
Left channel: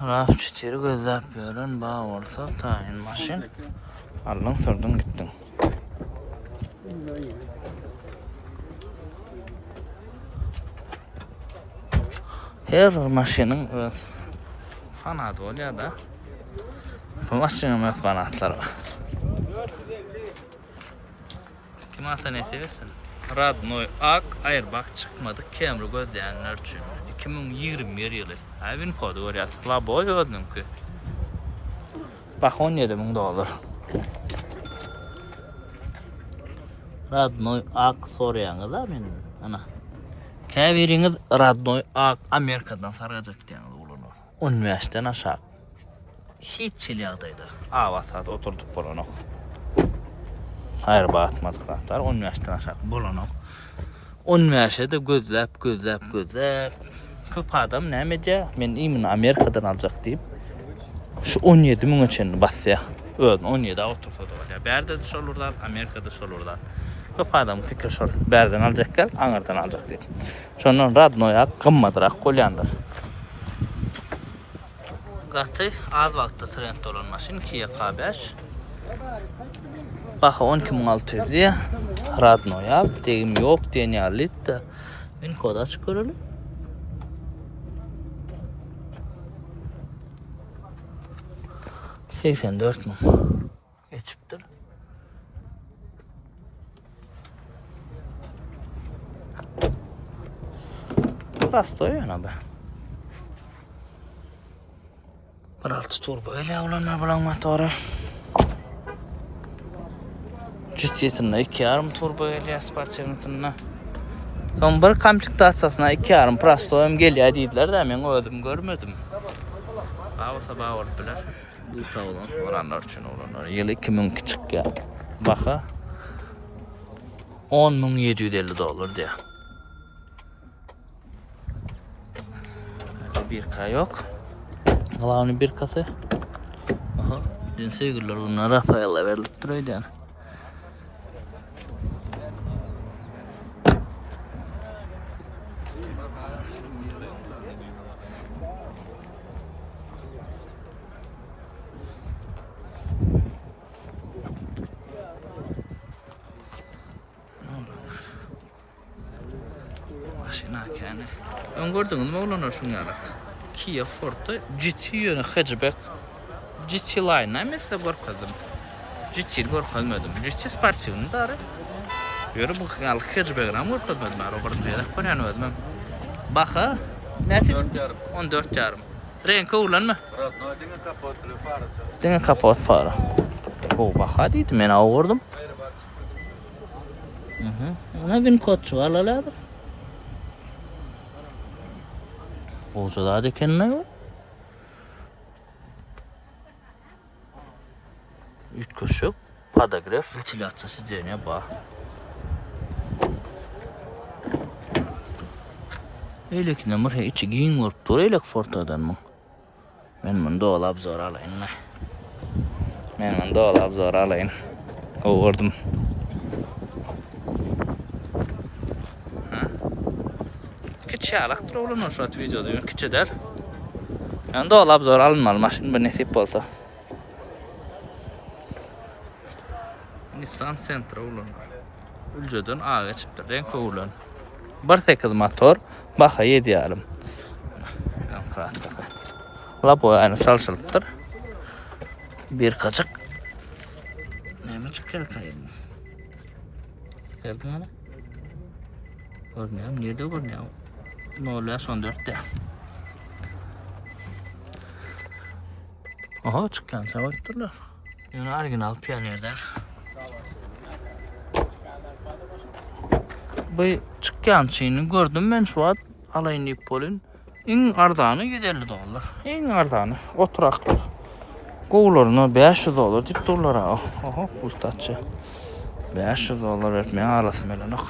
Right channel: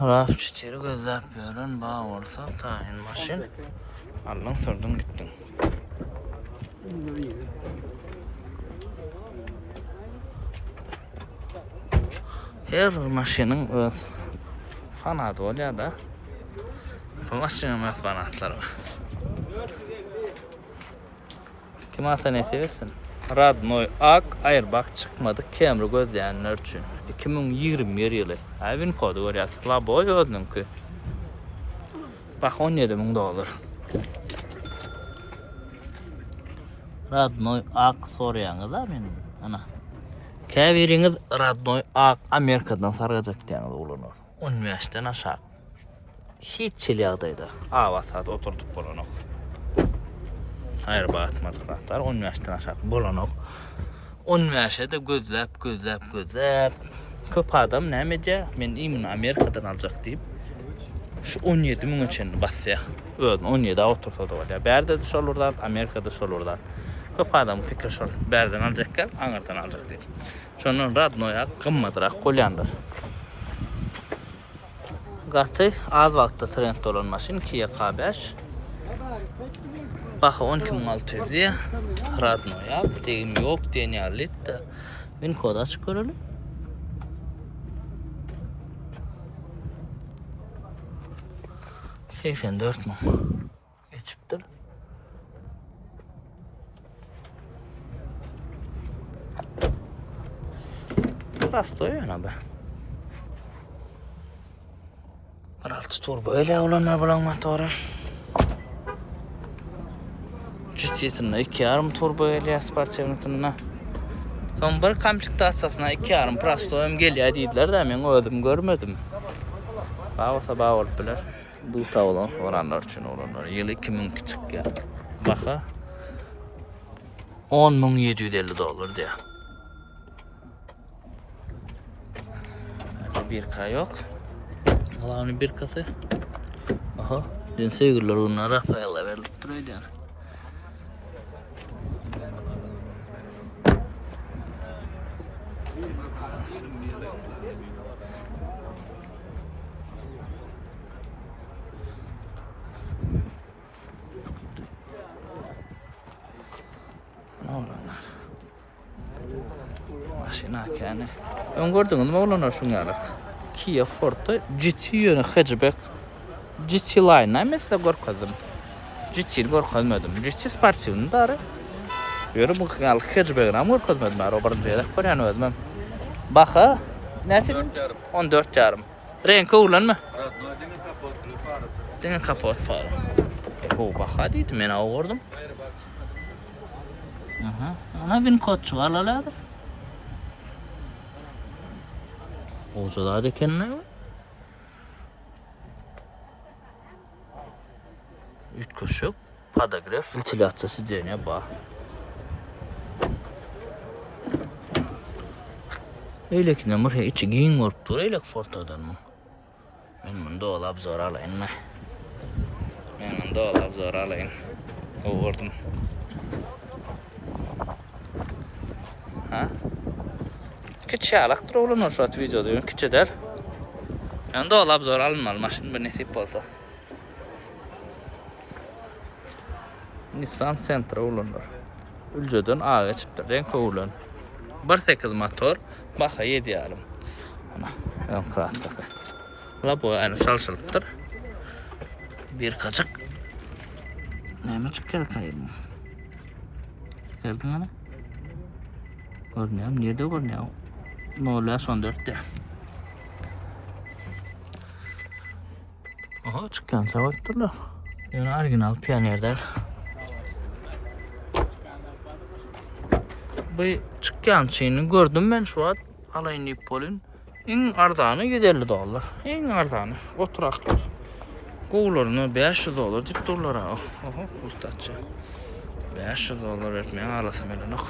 RAV4 gözlep görün bağ olsa tayin maşin. Alın sürdün gittin. Her maşinin öz fanatı oluyor da bu maşinin fanatları var. Kim alsa ne seversin? Radnoy Ak Airbag çıkmadı Camry gözleyenler için 2021 yılı evin kodu var ya sıkla boy gördüm ki bak $17.000 Radnoy Ak soruyanız da benim ana keviriniz Radnoy Ak Amerika'dan saracak diyeniz olunur 10 yaştan aşağı hiç çiliyadaydı avasada oturduk bulunuk hayır batmadık zaten 10 yaştan aşağı bulunuk 10 yaşda gözlep köp adam nemece men imin Amerika'dan alacak deyip şu 17.000 için basya öyle 17 oturdu var ya berde de olurdan Amerika'da olurdan köp adam fikir şol berden alacak gel anardan alacak deyip sonra Radnoya kımmadırak kolyandır gatı az vakti trend olan maşin Kia K5 Baxa 12.600'ye Radnoya deyim yok deneyalit de ben koda çıkarılı 84.000 geçiptir Rastoy yana be 1.6 turbo ile olanlar bulan motoru Cütsiyesinde 2.5 turbo geliyor sportsiyonuna. Son bir komplektasyasına 2.5 Prasto'yum geliyor dediler de ben öldüm görmedim. Bağırsa bağır bilir. Bu tavlan soranlar için olanlar. Yıl 2000 küçük ya. Baka $10.750 diye. Bir K yok. Allah'ın bir kası. Aha. Dün sevgililer ona Rafael'e verilip duruyordu yani. Yani ön gördünüz mü olanlar şunlar Kia Forte GT yönü hatchback GT line mesela görmedim GT görmedim GT sportivni da yürü bu hatchback ama görmedim Robert Bey'de koyan ödmem bakı nasıl 14.5 renk ulan mı Ettiğine kapat para. Baka deydi, men ağırdım. Ona bin kodçu var laladır. Oğuz'a da kendine var. Üç koşuk, padagraf, ventilasyası dene bak. Öyle ki ne var ya, içi giyin varıp dur, öyle ki fortadan mı? Ben bunu dolap zor alayım mı? Ben bunu dolap zor alayım. Oğurdum. Ha? Küçük alak dur oğlum o şu at videoda yön küçük der. Yani dolap zor alınmalı maşın bir nesip olsa. Nissan Sentra olunur. Ülceden ağa çıktı renk oğlan. 1.8 motor, baka 7 yarım. Ana, ön kraskası. Labo aynı çalışılıptır. Bir kaçık. Neyme çıkkı kayım. Gördün ana? Görünüyorum, nerede görünüyorum? Ne oluyor son 4'te? Oha çıkken sevatırlar. Yani orijinal Pioneer'ler. Bu çıkken şeyini gördüm ben şu an. Alayın Nipol'ün. En ardanı $150. En ardanı. Oturaklı. Kovlarına $500 dip dolar ha. Oha pustatçı. $500 vermeye arası melenak.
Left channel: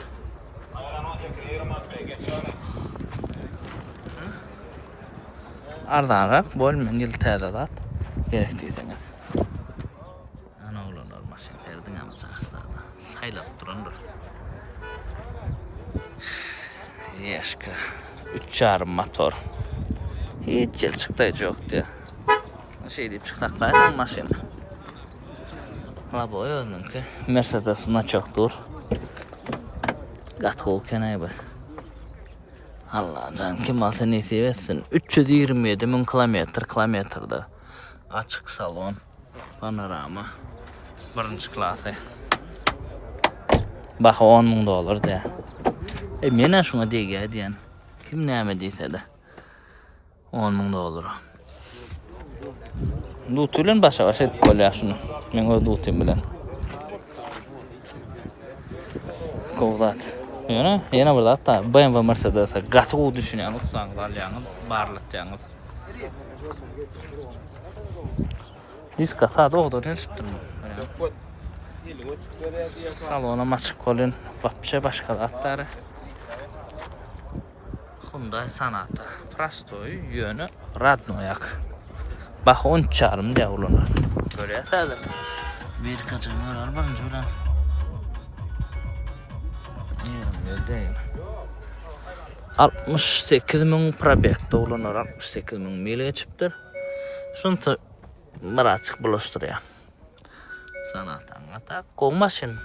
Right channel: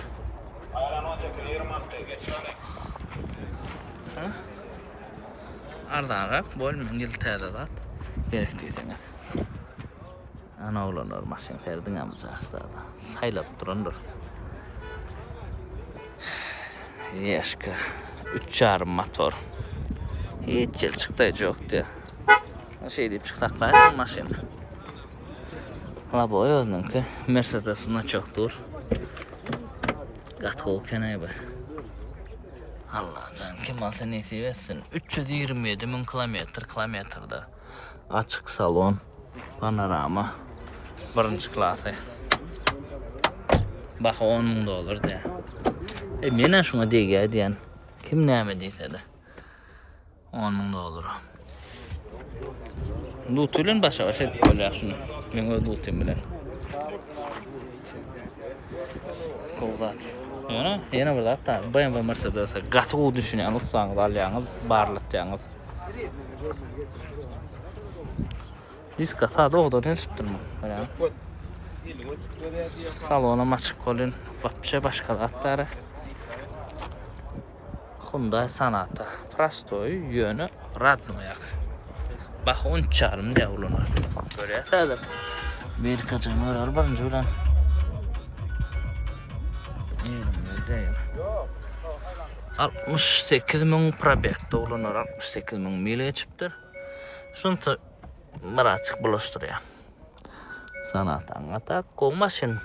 Ardanrak bölümün yıl tədadat gerektiyseniz. Ana olanlar maşin ferdin amcası da. Saylap durandır. Yaşka 3.5 motor. Hiç yıl çıktı yok diye. O şey deyip çıksaklaydı maşin. Labo özüm ki Mercedes'ına çoktur. Gatı kenayı bu. Allah'tan kim alsa nasip etsin. 327.000 kilometrede açık salon, panorama, birinci klası. Bak $10.000 diye. Menen şuna diye diyen kim neyme deyse de $10.000. Dutuyla başa başa edip koyuyor şunu. Ben o dutuyum bilen. Kovzat. Yine burada hatta BMW Mercedes'e gatı düşünüyorsunuz, sanız alıyorsunuz, barlatıyorsunuz. Diska sadece o kadar yürüttürmem. Salona açık kolun, vapça başka atları. Hyundai Sonata, Prasto'yu yönü Radnoyak. Bak 10.5 diye olunur. Böyle yasadım. Bir kaçın var birinci ulan. Yerim 68.000 probekte olunur, 68.000 mil geçiptir. Şunta bir açık bulaştırıyor. Sonata ata kol maşin.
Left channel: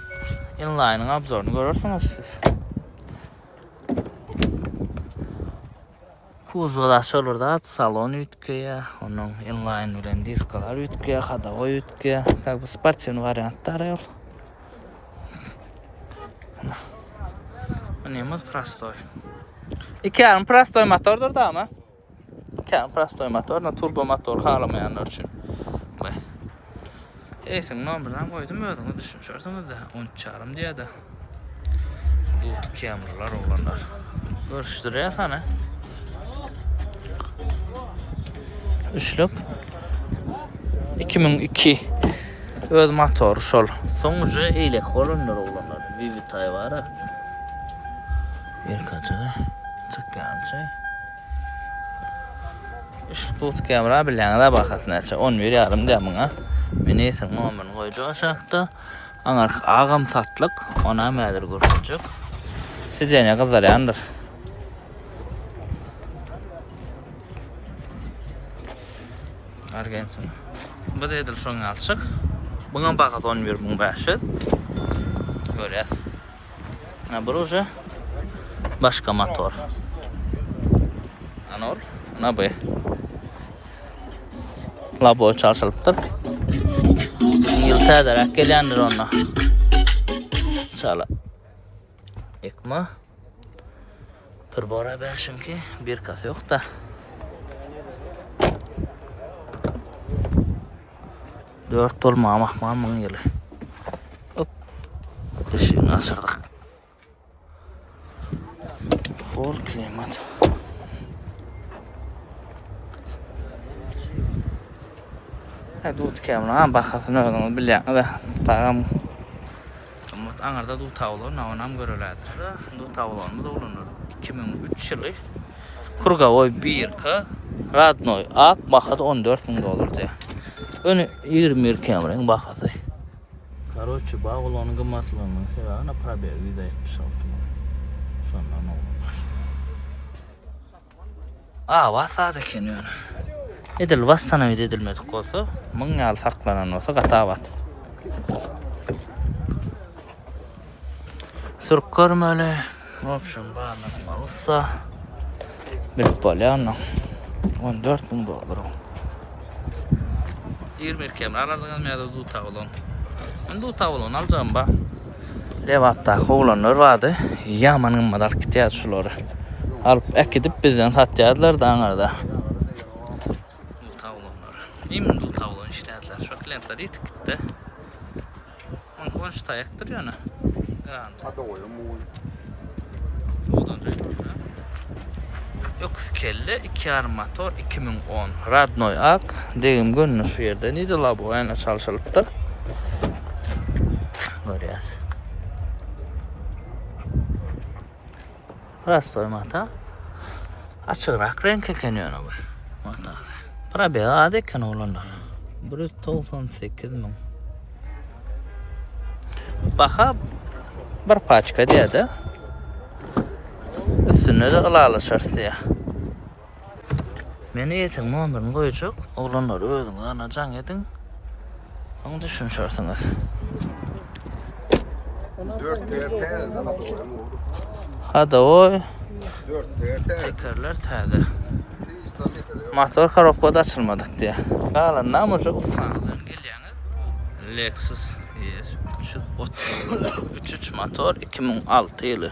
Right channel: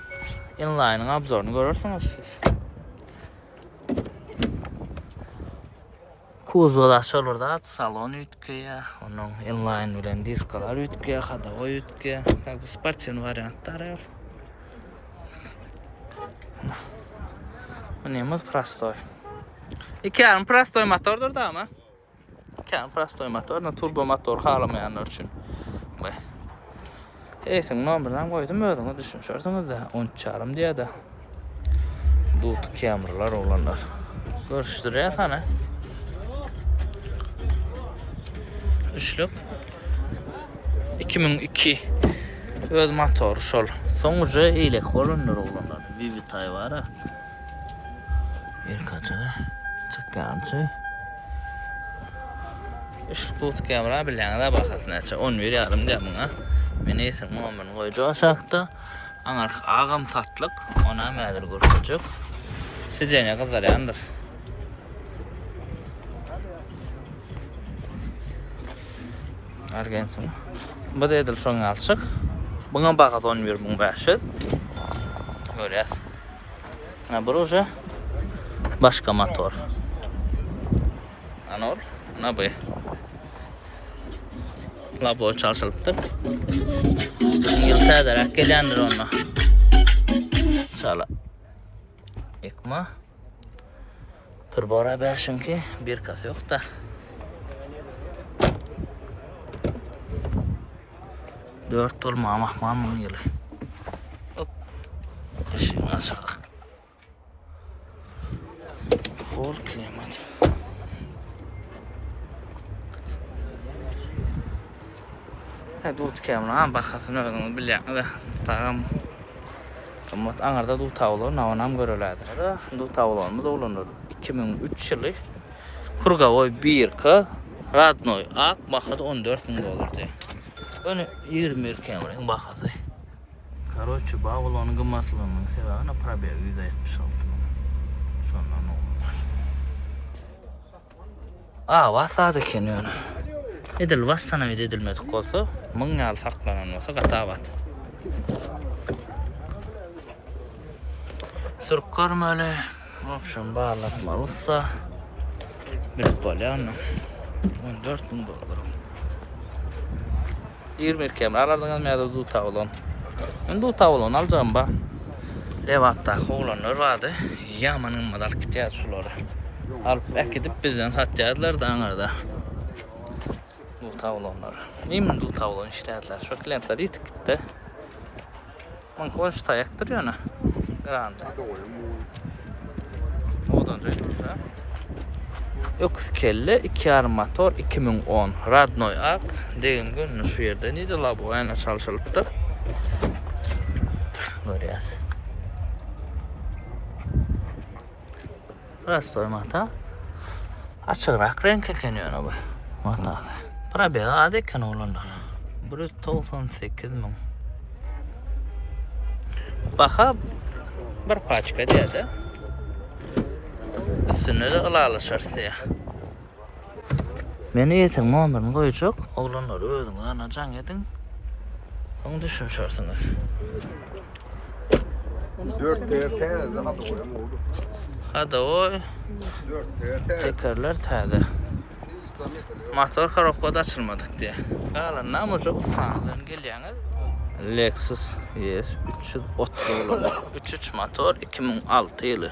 Inline'ın abzorunu görürsünüz siz. Kuzulaş olur da salon ütköye, onun inline bilen diskalar ütköye, kadava ütköye, bu sportçının varyantları yok. Bu neyimiz Prastoy. 2.5 Prastoy motordur da ama. 2.5 Prastoy motor, turbo motor kalamayanlar için. Eysin номерden koydum özünü düşünürsünüz de 10.5 diye de. Dut kameralar olanlar. Görüştürüyor sana. Üçlük 2002 öz motor şol. Sonucu ile kolunlar olanlar. Vivitay var ha. Bir kaçı çıkkantı. İşte tut kamera bilen de bakasın açı. 11.5 diye buna. Ben neyse nomen koyucu aşağıda. Ağam satlık. Ona mədir görüşecek. Sizce kızlar yandır. Argentin. Bu da edil son alçık. Buna bakat 11.500. Görüyoruz. Bu uca başka motor. Anol. Ne bu? Labo çalışılıptır. Yılta ederek gelendir onunla. Şöyle. Yıkma. Kırbora beşin ki bir kas yok da. 4 dolma mahmamın yılı. Hop. Eşiğini açardık. Full climate. Hadi bu tkemle bakasın ödünü bilýän da tağam. Ama anarda du tavlo navanam görülädir. Du tavlonu da ulanır. 2003 ýyly Kurgawoy 1K Radnoy ak bahasy $14.000 diye. Öni 20 kameraň bahasy. Karoçy bağlanyň gymmatlygynyň sebäbi probel 176 man. Şondan oldu. Wasada kenýär. Edil wastana edilmedik bolsa, 1000 ýyl saklanan bolsa gatabat. Sürk görmeli. Opsiyon bağlatmalar olsa bilip bolýar. $14.000. 20 kameralardan almaýada du tawlon. Men du tawlon aljam ba. Lewapda howlanlar vardy. Ýaman gymmadar kitýär şulary. Alyp ekidip bizden satýarlar da aňarda. Du tawlonlar. Emin du tawlon işlädiler. Şu klientler ýetipdi. Man konuşta ýakdyr ýöne. Grande. Odan döydüse. Yoks kelle 2 armator 2010 Radnoy ak degim günü şu yerde neydi la bu ayna çalışılıptır. Görüyoruz. Rastoy mata açıkrak renk ekeniyor bu. Mata. Para bir adet kan olanlar. Burası 98 min. Baka bir paçka diye de üstüne de ılalaşar diye. Meni yetin numaranı koyacak, oğlanları özünü anacan edin. Onu düşünürsünüz. 4 TRT zaman da koyalım oldu. Hadi o 4 TRT. tekerler täze. Motor karokpada açılmadık diye. Kalan namıca usanızdan gelýäňiz. Lexus ES 330 olan 33 motor 2006 ýyly.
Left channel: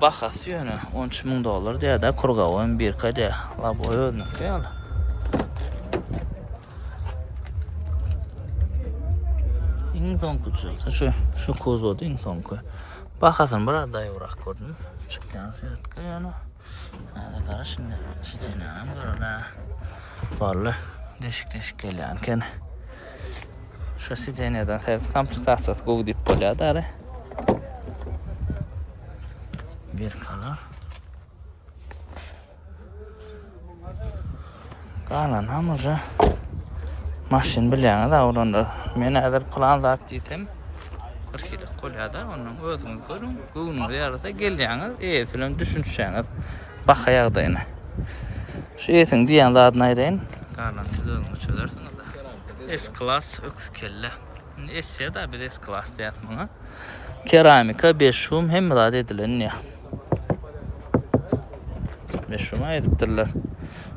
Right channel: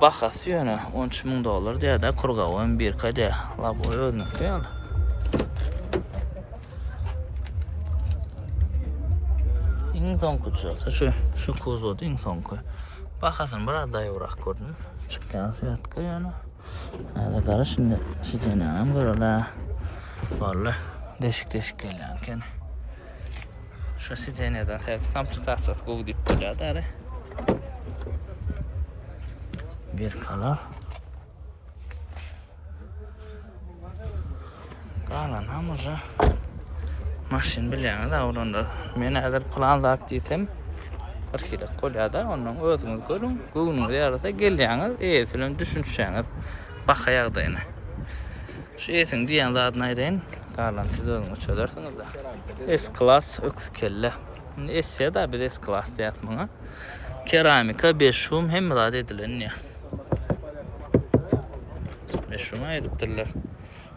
Bahasy ýöne $13.000 diýär de Kurgawoy 1K diýär. La bu özüňki ýaly. Iň soňky çyksa şu kozody iň soňky. Bahasyny biraz da ýorak gördüm. Çykýan fiýatka ýöne. Hadi gara şimdi şeýlenem görele. Vallahi deşik gelýän ken. Şu seýleneden täze komplektasiýasy gowy diýip bolýar. Bir kalar. Kalan hamıca maşin bilýän da olanda men eger plan zat diýsem 40 kilo kolýada onuň özüňiz görün. Göwnüňiz ýarasa gelýäňiz, eýselen düşünýäňiz. Bakaýagdaýyna. Şu eýsin diýen zatny aýdaýyn. Kalan siz özüňiz çözersiňiz da. S-Class öks kelle. S da bir S-Class diýäsmiň. Keramika 5 şum hem zat edilen ýa. 5 şuma edipdirler.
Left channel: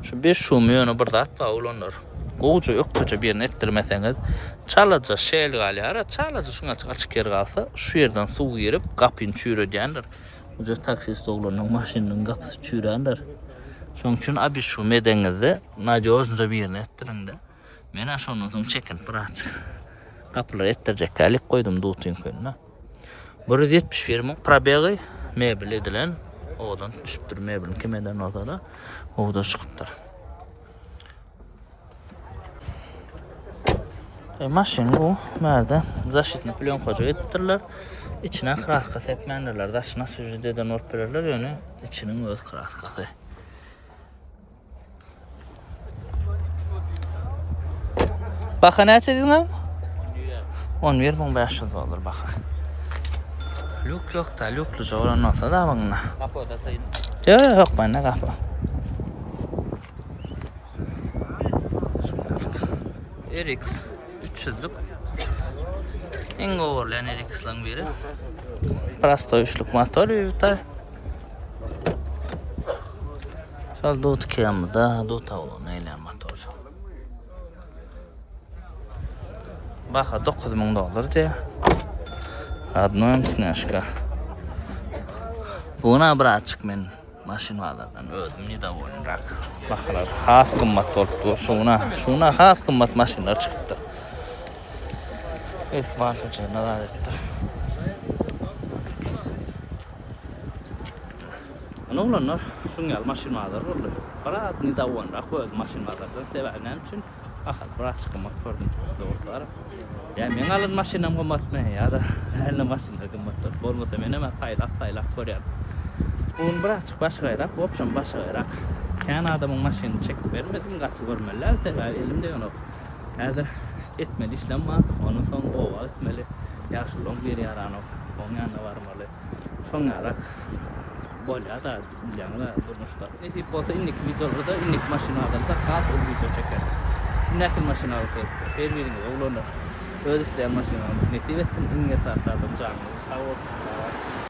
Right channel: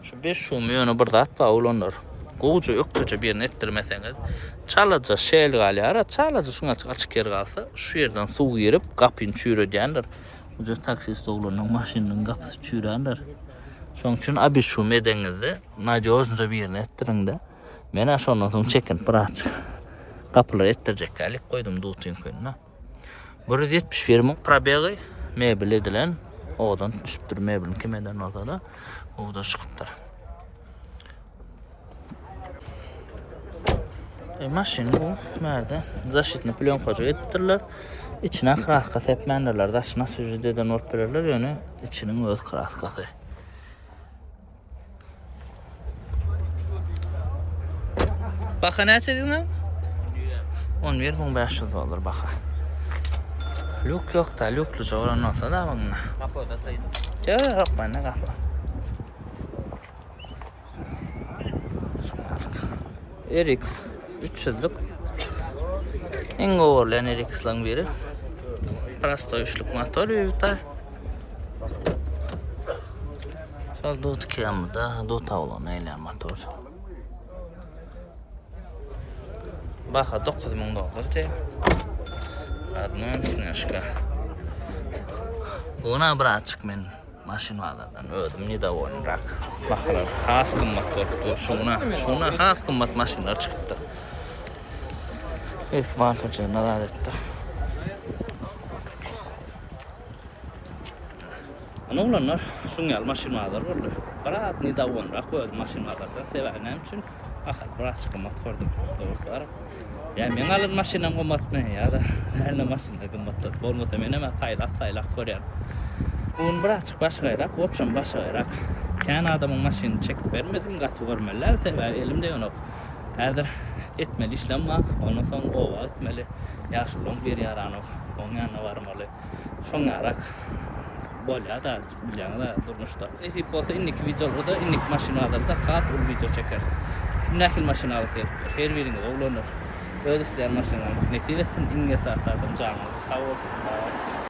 Şu 5 şumy ýöne bir zat bar olanlar. Goýja ökçe birini etdirmeseňiz, çalaja şeýle galýar, çalaja şuňa açyk yer galsa, şu ýerden suw girip gapyny çüýredýändir. Bu taksist oglanyň maşynyň gapysy çüýrendir. Şoň üçin abi şu medeňizi nadýozynja birini etdiриňde. Men aşondan soň çekin prat. Kapylar etdirjek gelip koydum dutyň köýüne. 171 min probegi mebel edilen odan düşüpdir mebelin kimeden olsa da oda çykypdyr. Maşin bu merde zaşitni plyonkaja etdirler. İçine kraska sepmendirler. Daşına süjüdeden orperler ýöne içiniň öz kraskasy. Baka näçe diýdim? $11.500 baka. Luk da lukluca olan olsa da bana. Kapı da sayın. Yok bana kapı. RX 300'lük. En oğurlayan RX'lan biri. Prasto 3'lük motor yürütay. Şöyle dut kıyamda dut avlan eyleyen motor. Baka $9.000 diye. Adnan Snashka. Buna bir açık men maşinalardan ödüm ne de oynarak. Bakılar has kımmat oldu. Şuna has kımmat maşinlar çıktı. İlk bahsediyor neler etti. Ana olanlar şungal maşinalar oldu. Bırak ne de oynarak ödüm maşinalardan severnem için akar bırak çıkımmat gördüm. Doğrusu var. Ya men alın maşinam kımmat ne ya da her maşinlar kımmat. Bolmasa men hemen saylak koyarım. Bugün bıraktık başkayrak, opsiyon başkayrak. Kendi adamın maşinini çekip vermedim, katı görmeler, sever elimde yok. Hazır etmeli işlem var, ondan sonra ova etmeli. Yaşılığın bir yaran yok, onun yanına varmalı. Şonarak bolya da bileceğine de durmuştu. Nasip olsa innik videolarda, innik maşina adamda kalk ol video çekersin. Nakil maşina alıp her biriniz oğlanlar. Öyle isteyen maşinalar nasip etsin, inge sağ adam canlı, sağ olsun.